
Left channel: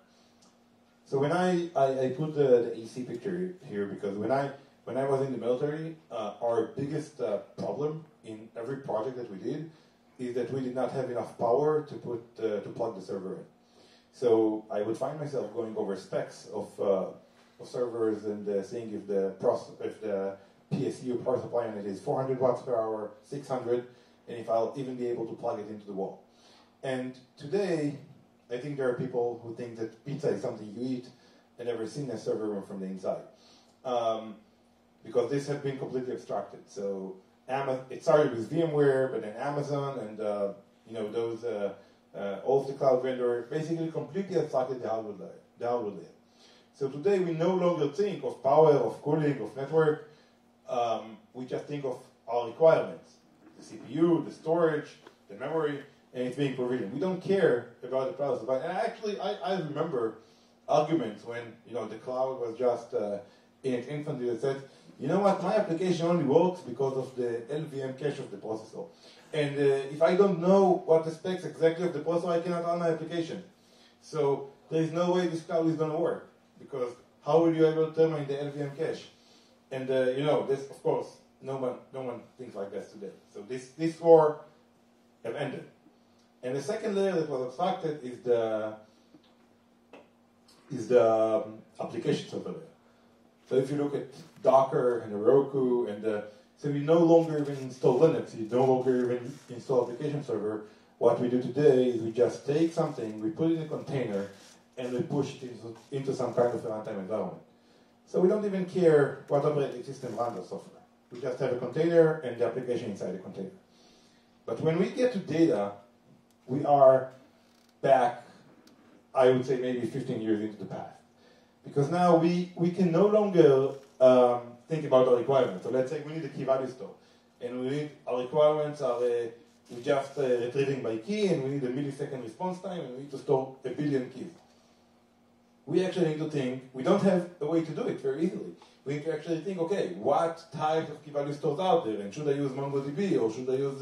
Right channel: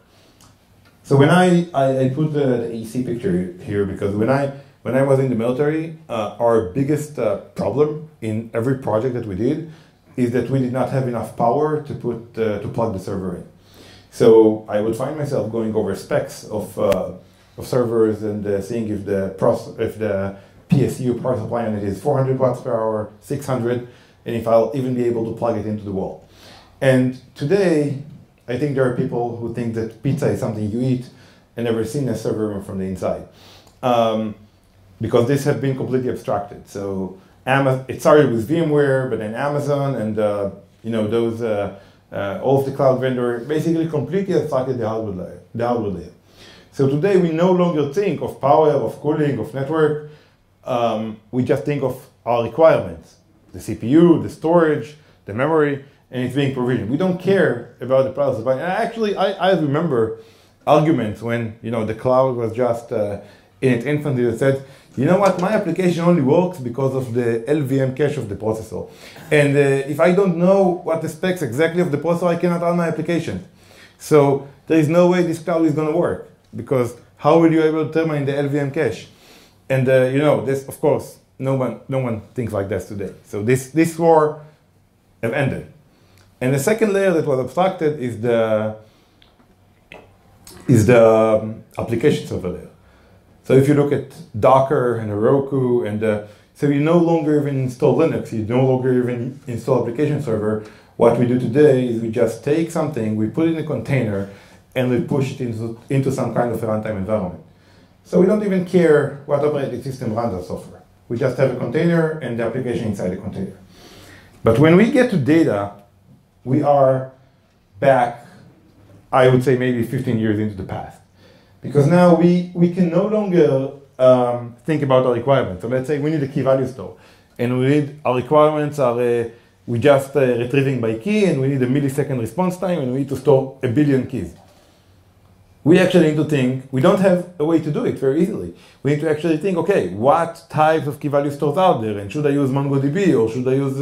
so when I put the AC picture here because when I was in the military, our biggest problem in every project that we did is that we did not have enough power to plug the server in. So I would find myself going over specs of servers and seeing if the PSU power supply unit is 400 watts per hour, 600, and if I'll even be able to plug it into the wall. And today, I think there are people who think that pizza is something you eat and never seen a server room from the inside, because this has been completely abstracted. So it started with VMware, but then Amazon and those all of the cloud vendor basically completely abstracted the hardware layer. So today we no longer think of power, of cooling, of network. We just think of our requirements: the CPU, the storage, the memory, and it's being provisioned. We don't care about the power supply. And actually, I remember arguments when the cloud was just in its infancy that said, you know what, my application only works because of the LVM cache of the processor. And if I don't know what the specs exactly of the processor, I cannot run my application. So there is no way this cloud is going to work, because how will you able to determine the LVM cache? And this, of course, no one thinks like that today. So this war have ended. And the second layer that was abstracted is the application server layer. So if you look at Docker and Heroku and So you no longer even install Linux, you no longer even install application server. What we do today is we just take something, we put it in a container, and we push it into some kind of a runtime environment. So we don't even care what operating system runs our software. We just have a container and the application inside the container. But when we get to data, we are back, I would say maybe 15 years into the past. Because now we can no longer think about our requirements. So let's say we need a key value store. And our requirements are, we just retrieving by key, and we need a millisecond response time, and we need to store 1 billion keys. We actually need to think, we don't have a way to do it very easily. We need to actually think, okay, what types of key value stores are there? And should I use MongoDB, or should I use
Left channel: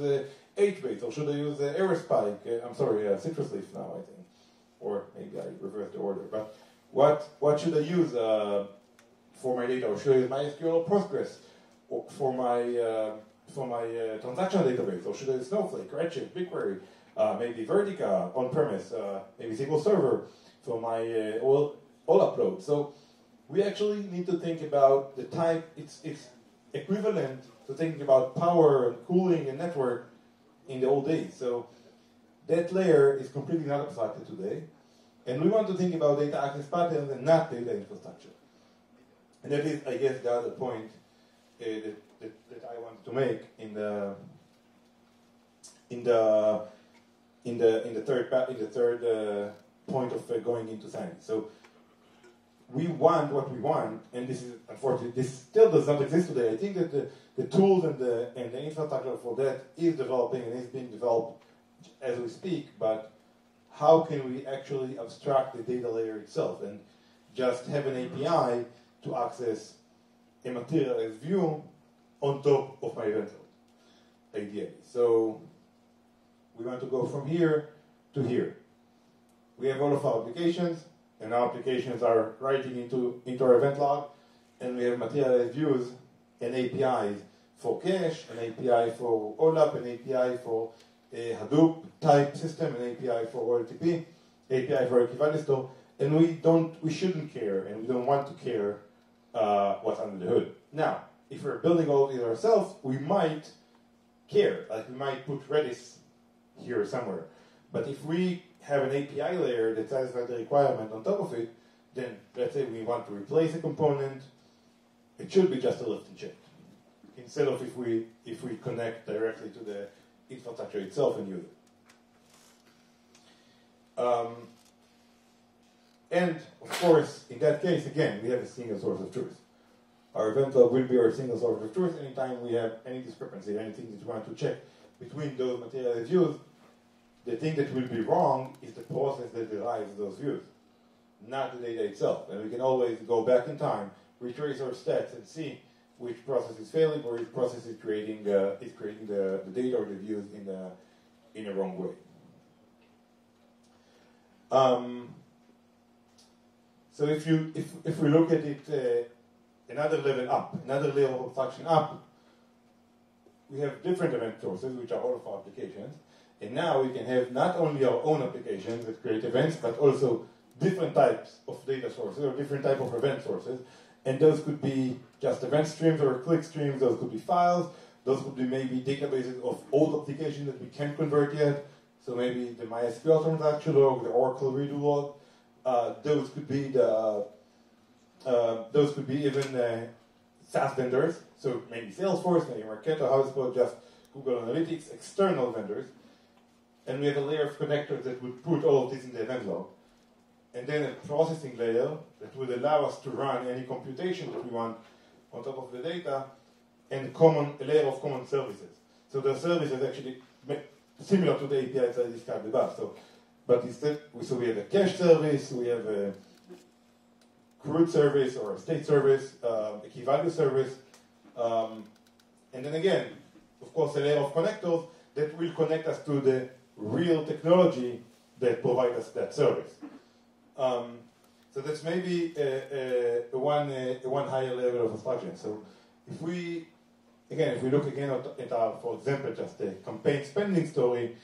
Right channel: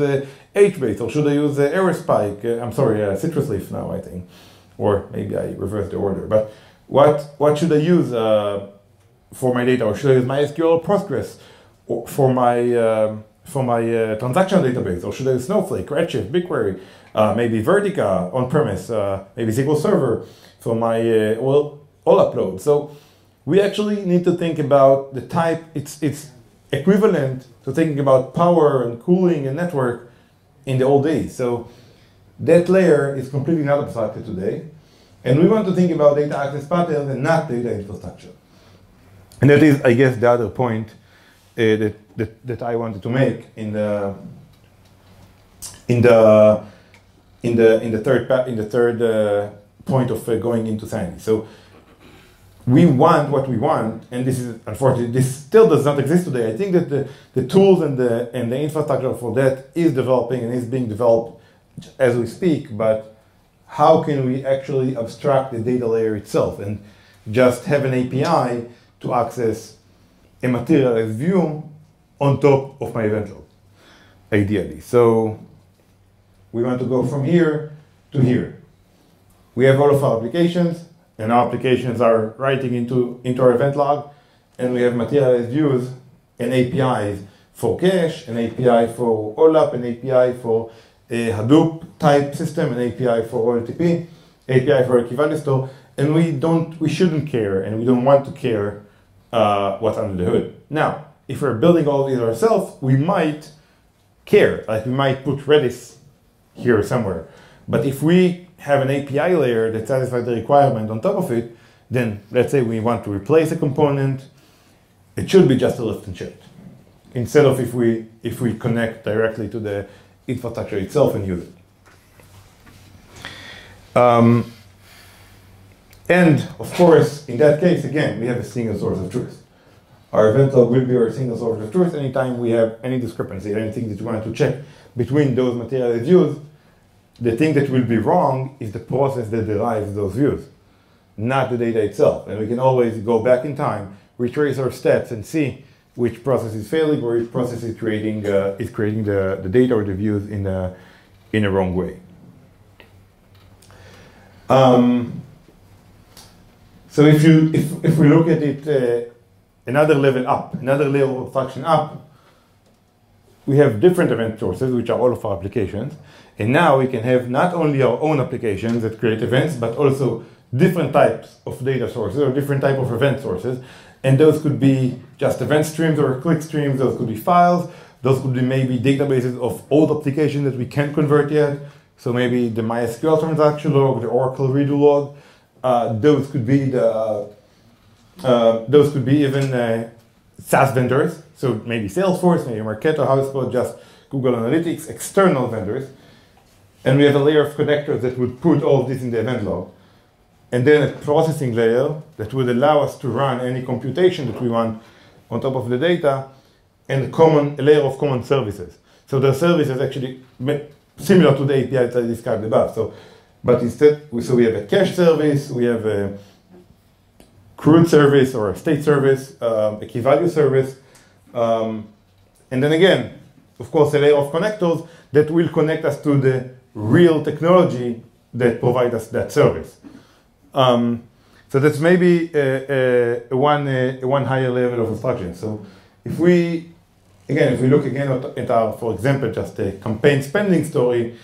HBase, or should I use Aerospike? I'm sorry, Citrus Leaf now, I think. Or maybe I reversed the order. But what should I use for my data? Or should I use MySQL or Postgres for my transactional database? Or should I use Snowflake, Redshift, BigQuery, maybe Vertica on-premise, maybe SQL Server for my all upload? So we actually need to think about the type. It's equivalent to thinking about power and cooling and network in the old days. So that layer is completely not abstracted today. And we want to think about data access patterns and not data infrastructure. And that is, I guess, the other point that I wanted to make in the third point of going into Sandy. So we want what we want, and this is unfortunately this still does not exist today. I think that the tools and the infrastructure for that is developing and is being developed as we speak. But how can we actually abstract the data layer itself and just have an API to access a materialized view on top of my event log, ideally? So we want to go from here to here. We have all of our applications, and our applications are writing into our event log, and we have materialized views and APIs for cache, an API for OLAP, an API for a Hadoop type system, an API for OLTP, API for a key value store, and we shouldn't care, and we don't want to care what's under the hood. Now, if we're building all these ourselves, we might care, like we might put Redis here somewhere. But if we have an API layer that satisfies the requirement on top of it, then let's say we want to replace a component, it should be just a lift and shift, instead of if we connect directly to the infrastructure itself and use it. And of course, in that case, again, we have a single source of truth. Our event log will be our single source of truth anytime we have any discrepancy, anything that you want to check between those materialized views. The thing that will be wrong is the process that derives those views, not the data itself. And we can always go back in time, retrace our steps, and see which process is failing or which process is creating the data or the views in a wrong way. So if we look at it another level up, another layer of abstraction up, we have different event sources, which are all of our applications. And now we can have not only our own applications that create events, but also different types of data sources or different type of event sources. And those could be just event streams or click streams. Those could be files. Those could be maybe databases of old applications that we can't convert yet. So maybe the MySQL transaction log, the Oracle redo log. Those could be even SaaS vendors. So maybe Salesforce, maybe Marketo, HubSpot, just Google Analytics, external vendors. And we have a layer of connectors that would put all of this in the event log. And then a processing layer that would allow us to run any computation that we want on top of the data, and a layer of common services. So the service is actually similar to the API that I described above. But instead, we have a cache service, we have a CRUD service or a state service, a key value service, and then again, of course, a layer of connectors that will connect us to the real technology that provides us that service. So that's maybe one higher level of abstraction. So if we look again at our, for example, just a campaign spending story,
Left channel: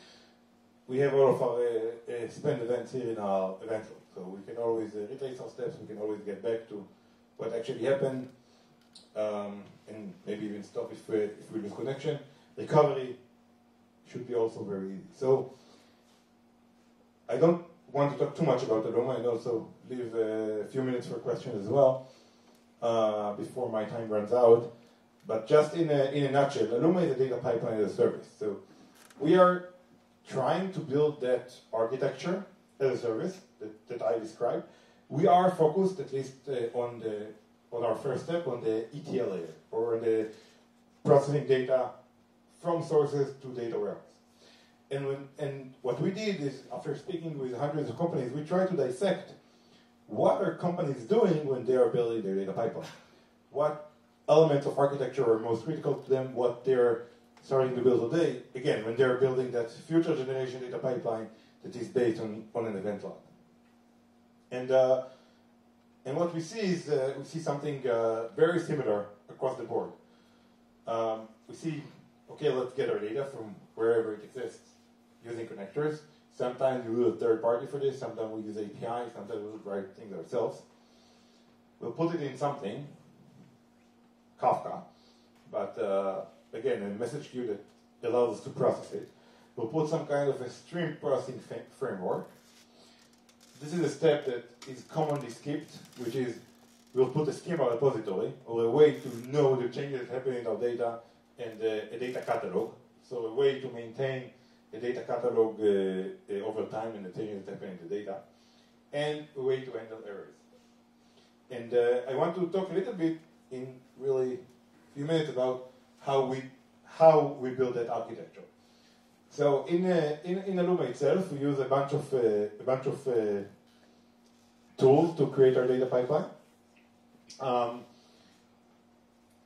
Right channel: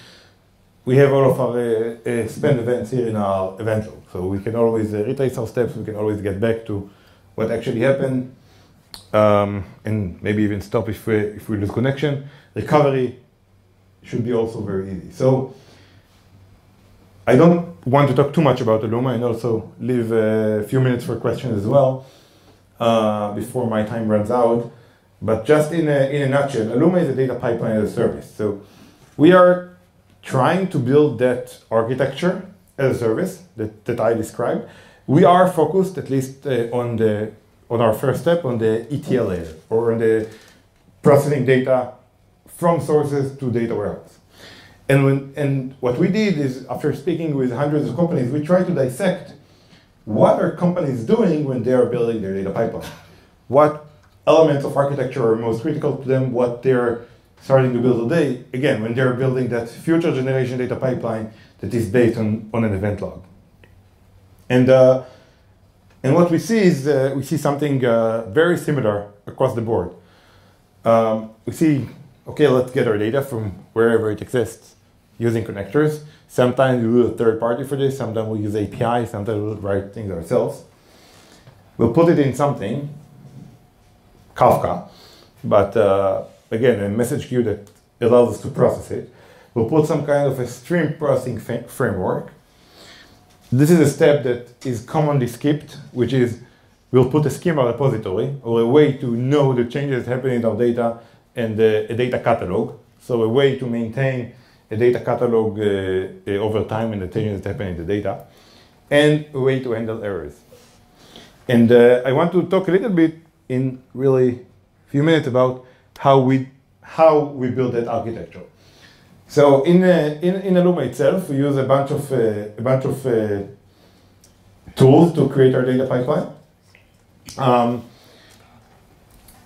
we have all of our spend events here in our event log. So we can always retrace our steps, we can always get back to what actually happened. and maybe even stop if we lose connection. Recovery should be also very easy. So I don't want to talk too much about Alooma and also leave a few minutes for questions as well before my time runs out. But just in a nutshell, Alooma is a data pipeline as a service. So we are trying to build that architecture as a service that I described. We are focused, at least on our first step, on the ETL layer, or on the processing data from sources to data warehouse. And what we did is, after speaking with hundreds of companies, we tried to dissect what are companies doing when they are building their data pipeline. What elements of architecture are most critical to them, what they're starting to build today, again, when they're building that future generation data pipeline that is based on an event log. And what we see is, we see something very similar across the board. We see, okay, let's get our data from wherever it exists using connectors. Sometimes we use a third party for this, sometimes we use API, sometimes we'll write things ourselves. We'll put it in something, Kafka, but again, a message queue that allows us to process it. We'll put some kind of a stream processing framework. This is a step that is commonly skipped, which is we'll put a Schema repository, or a way to know the changes happening in our data, and a data catalog. So a way to maintain a data catalog over time and the changes that happen in the data, and a way to handle errors. And I want to talk a little bit in really a few minutes about how we build that architecture. So in Alooma itself, we use a bunch of tools to create our data pipeline.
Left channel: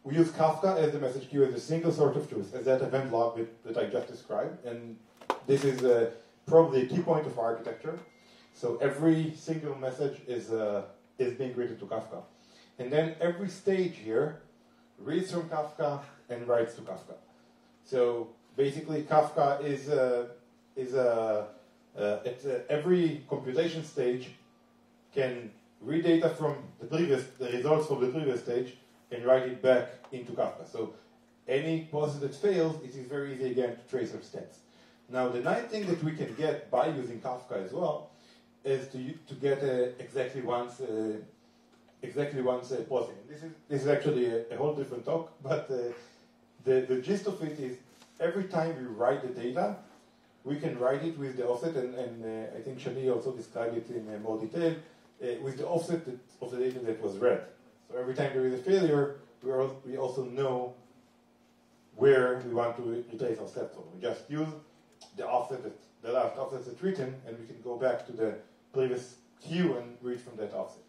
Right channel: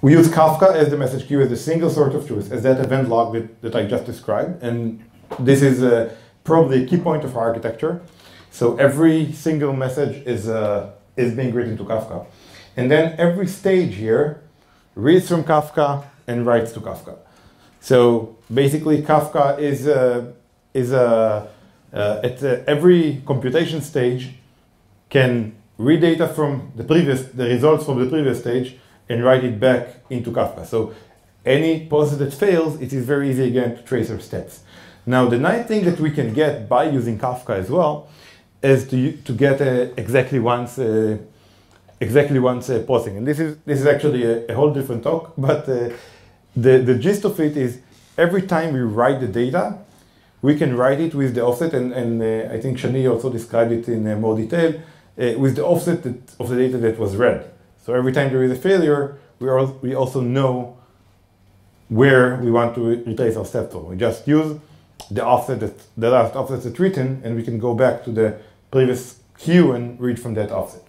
We use Kafka as the message queue, as the single source of truth, as that event log that I just described. And this is probably a key point of our architecture. So every single message is being written to Kafka. And then every stage here reads from Kafka and writes to Kafka. So basically, Kafka at every computation stage can read data from the results from the previous stage and write it back into Kafka. So any process that fails, it is very easy again to trace our steps. Now, the nice thing that we can get by using Kafka as well is to get exactly once processing. And this is actually a whole different talk, but the gist of it is every time we write the data, we can write it with the offset, and I think Shani also described it in more detail, with the offset of the data that was read. So every time there is a failure, we also know where we want to replace our step from. We just use the offset the last offset that's written, and we can go back to the previous queue and read from that offset.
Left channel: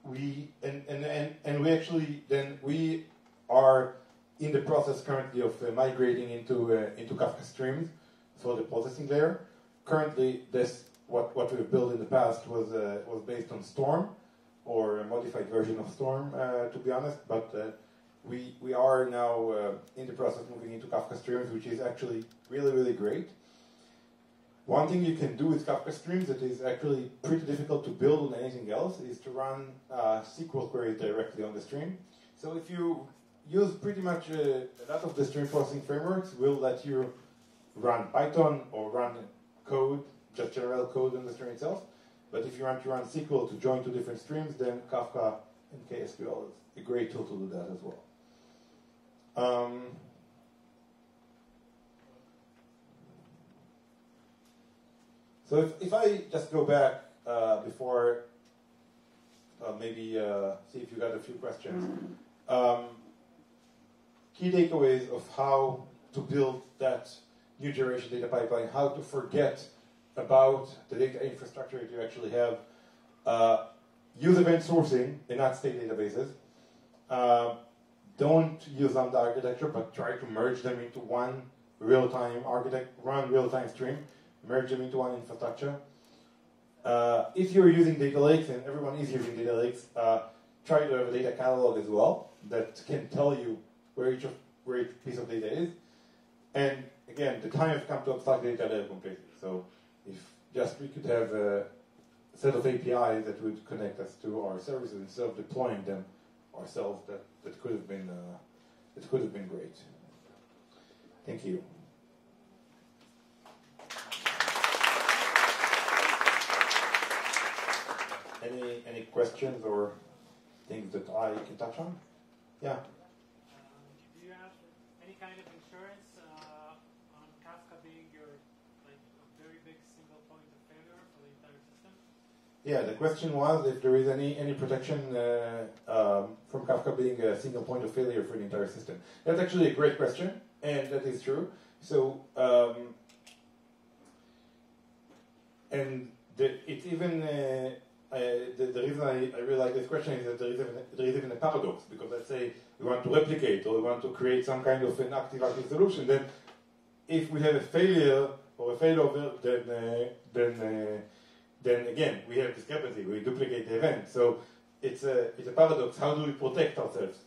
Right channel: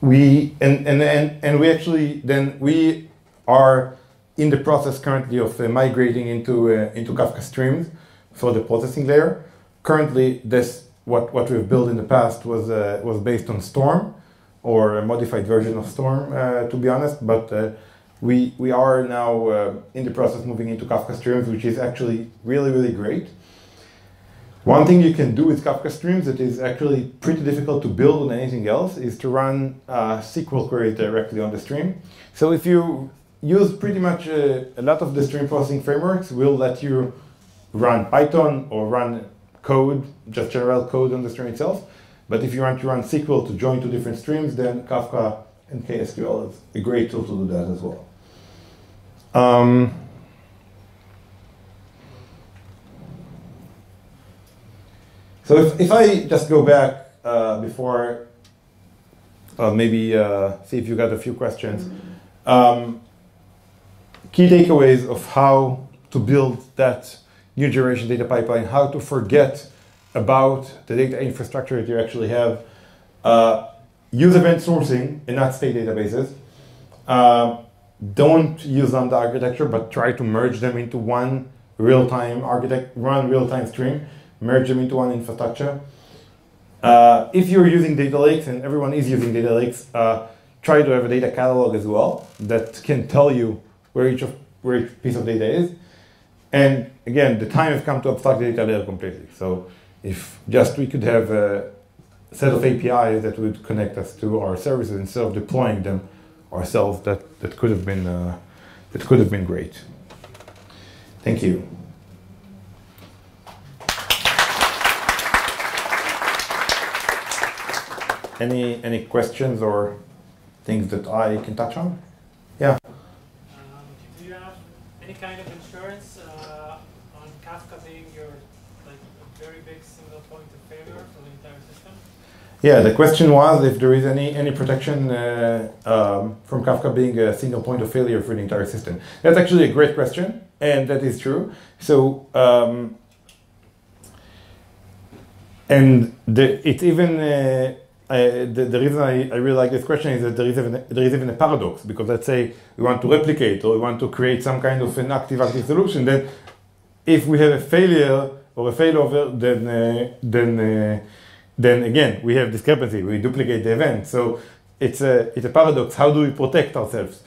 We are in the process currently of migrating into Kafka streams for the processing layer. Currently, what we've built in the past was based on Storm, or a modified version of Storm, to be honest. But we are now in the process of moving into Kafka streams, which is actually really, really great. One thing you can do with Kafka streams that is actually pretty difficult to build on anything else is to run SQL queries directly on the stream. So if you use pretty much a lot of the stream processing frameworks, will let you run Python or run code, just general code on the stream itself. But if you want to run SQL to join two different streams, then Kafka and KSQL is a great tool to do that as well. So if I just go back before, maybe see if you got a few questions. Key takeaways of how to build that new generation data pipeline, how to forget about the data infrastructure that you actually have. Use event sourcing and not state databases. Don't use Lambda architecture, but try to merge them into one real-time stream. Merge them into one infrastructure. If you're using data lakes, and everyone is using data lakes, try to have a data catalog as well that can tell you where each piece of data is. And again, the time has come to abstract the data layer completely. So if just we could have set of APIs that would connect us to our services instead of deploying them ourselves. That could have been great. Thank you. Any questions or things that I can touch on? Yeah. Do you have any kind of insurance on Kafka being your a very big single point of failure for the entire system? Yeah, the question was if there is any protection from Kafka being a single point of failure for the entire system. That's actually a great question, and that is true. So, it's even the reason I really like this question is that there is even a paradox, because let's say we want to replicate or we want to create some kind of an active solution. Then, if we have a failure or a failover, then again we have discrepancy. We duplicate the event. So it's a paradox. How do we protect ourselves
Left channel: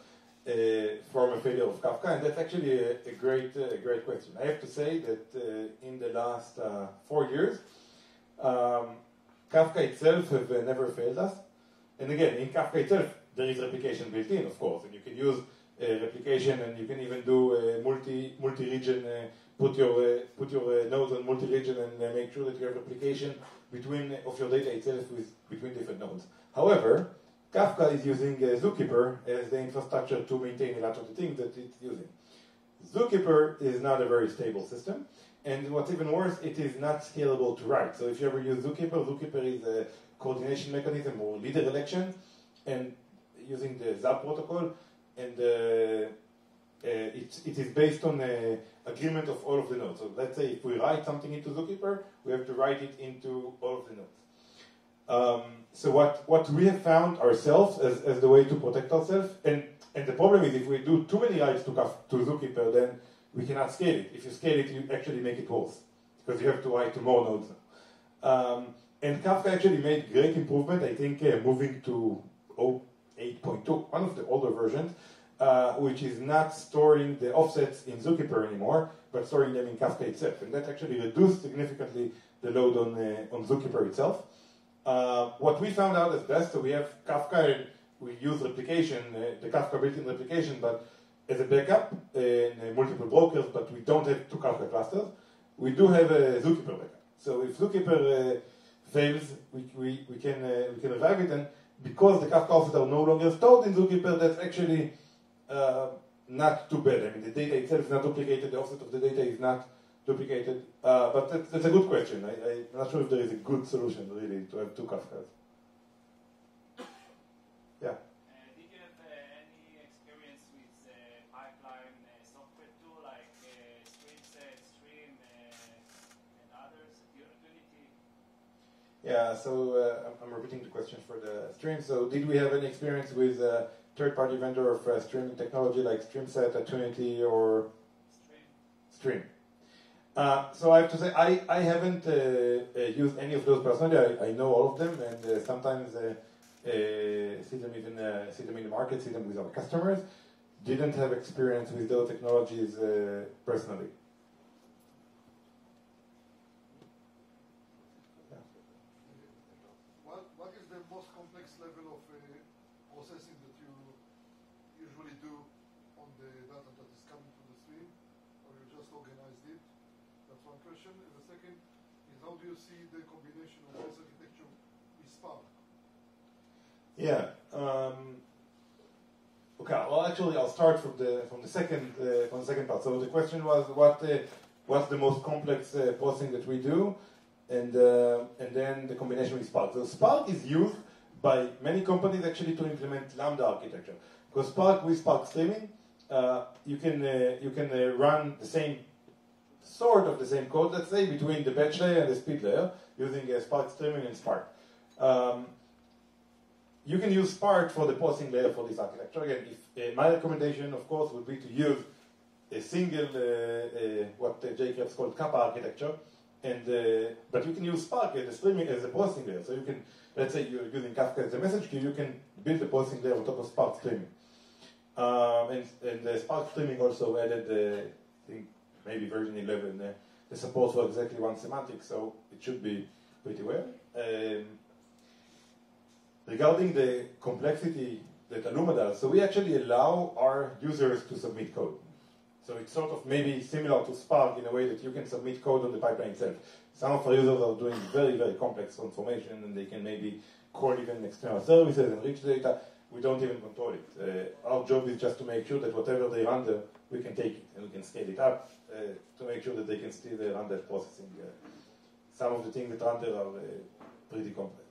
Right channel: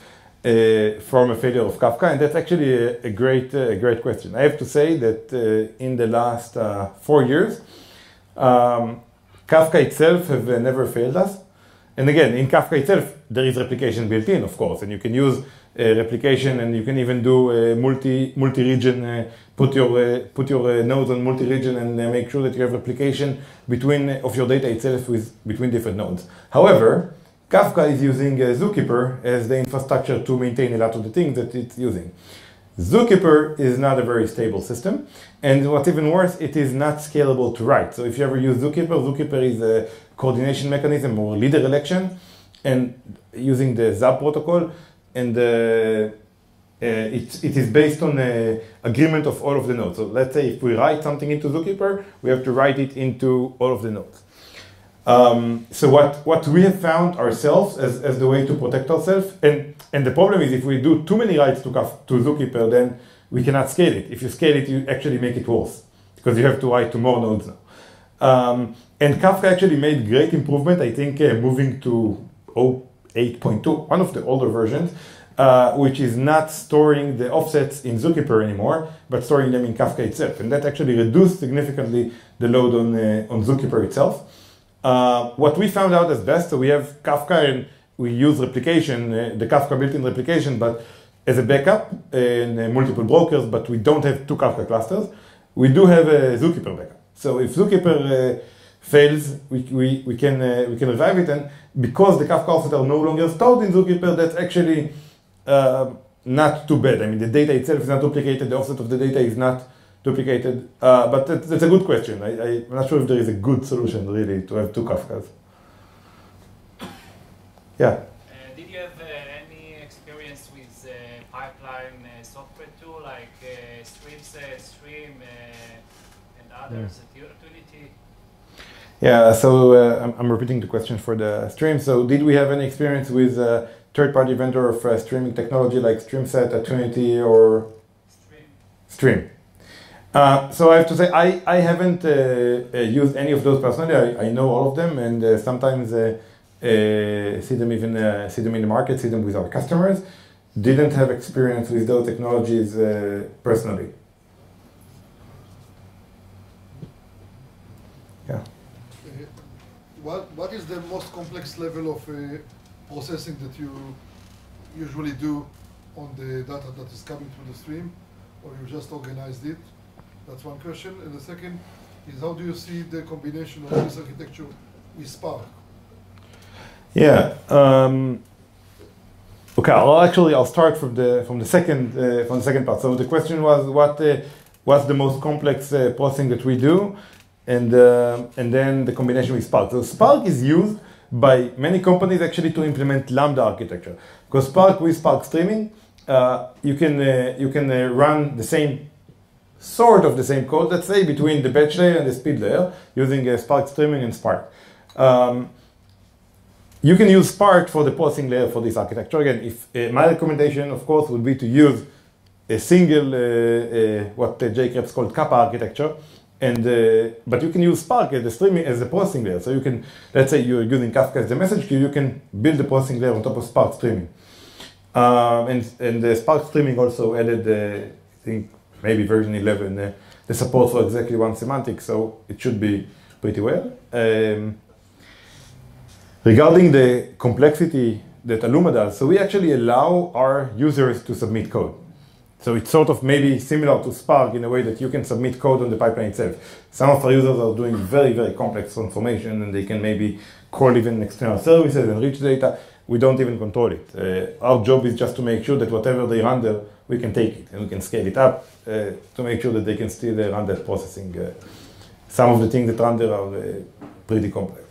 from a failure of Kafka? And that's actually a great question. I have to say that in the last 4 years. Kafka itself have never failed us. And again, in Kafka itself, there is replication built in, of course, and you can use replication, and you can even do multi-region, put your nodes on multi-region and make sure that you have replication of your data itself between different nodes. However, Kafka is using Zookeeper as the infrastructure to maintain a lot of the things that it's using. Zookeeper is not a very stable system, and what's even worse, it is not scalable to write. So if you ever use Zookeeper, Zookeeper is a coordination mechanism or leader election, and using the ZAB protocol, and it is based on an agreement of all of the nodes. So let's say if we write something into Zookeeper, we have to write it into all of the nodes. So what we have found ourselves as the way to protect ourselves, and the problem is if we do too many writes to Zookeeper, then we cannot scale it. If you scale it, you actually make it worse, because you have to write to more nodes now. And Kafka actually made great improvement, I think, moving to 8.2, one of the older versions, which is not storing the offsets in Zookeeper anymore, but storing them in Kafka itself. And that actually reduced significantly the load on Zookeeper itself. What we found out as best, so we have Kafka and we use replication, the Kafka built-in replication, but as a backup in multiple brokers, but we don't have two Kafka clusters. We do have a Zookeeper backup. So if Zookeeper fails, we can revive it, and because the Kafka offsets are no longer stored in Zookeeper, that's actually not too bad. I mean, the data itself is not duplicated, the offset of the data is not duplicated, but that's a good question. I'm not sure if there is a good solution, really, to have two Kafkas. Yeah? Did you have any experience with pipeline software tool like Stream and others at Unity? Yeah, so I'm repeating the question for the stream. So did we have any experience with a third-party vendor of streaming technology like StreamSet at Trinity or Stream? So I have to say I haven't used any of those personally. I know all of them, and sometimes see them in the market, see them with our customers. Didn't have experience with those technologies personally. Yeah. What is the most complex level of processing that you usually do on the data that is coming through the stream, or you just organized it? That's one question. And the second is, how do you see the combination of this architecture with Spark? Yeah. Okay. I'll start from the second part. So the question was what's the most complex processing that we do, and then the combination with Spark. So Spark is used by many companies actually to implement Lambda architecture, because Spark with Spark streaming, you can run the same code, let's say, between the batch layer and the speed layer using Spark streaming and Spark. You can use Spark for the processing layer for this architecture. Again, if my recommendation, of course, would be to use a single, what Jay Krebs called Kappa architecture, but you can use Spark as the processing layer. So you can, let's say you're using Kafka as the message queue, you can build the processing layer on top of Spark streaming. And the Spark streaming also added, I think, maybe version 11, the support for exactly one semantic, so it should be pretty well. Regarding the complexity that Alooma does, so we actually allow our users to submit code. So it's sort of maybe similar to Spark in a way that you can submit code on the pipeline itself. Some of our users are doing very, very complex transformation, and they can maybe call even external services and reach data. We don't even control it. Our job is just to make sure that whatever they render, we can take it and we can scale it up to make sure that they can still run that processing. Some of the things that render are pretty complex.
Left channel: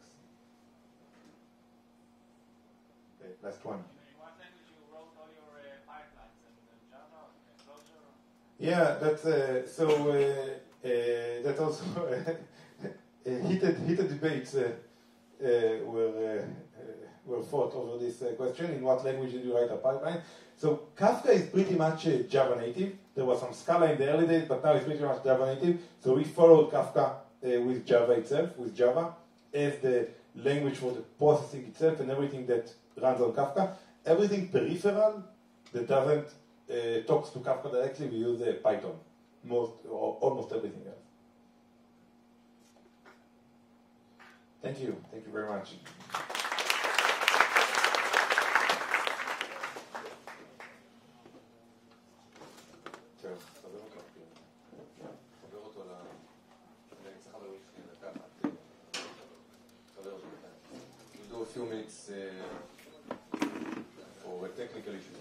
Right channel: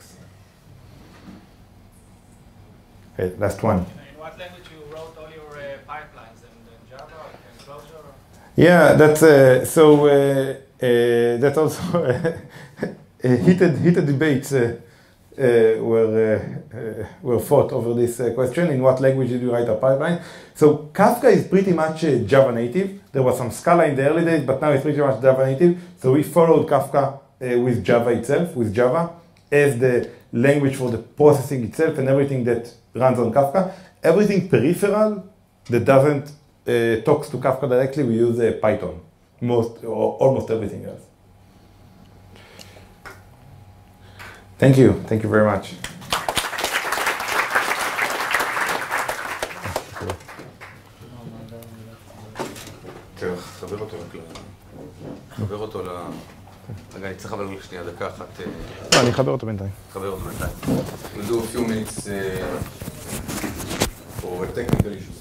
Okay, last one. In what language you wrote all your pipelines? In Java or Clojure? Yeah, that's also heated debates were fought over this question. In what language did you write a pipeline? So Kafka is pretty much Java native. There was some Scala in the early days, but now it's pretty much Java native. So we followed Kafka with Java itself, with Java, as the language for the processing itself and everything that runs on Kafka. Everything peripheral that doesn't talks to Kafka directly, we use Python, most or almost everything else. Thank you very much. חבר אותו רגע, אני צריך אבל שנייה דקה אחת. לא, אני אחבר אותו בינתיים. חבר אותו בינתיים. We'll do a few minutes for technical issues.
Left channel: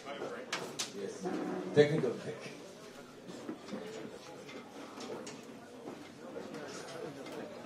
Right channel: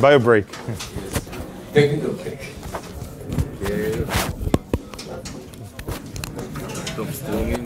Bio break. Yes. Technical break. Stop streaming.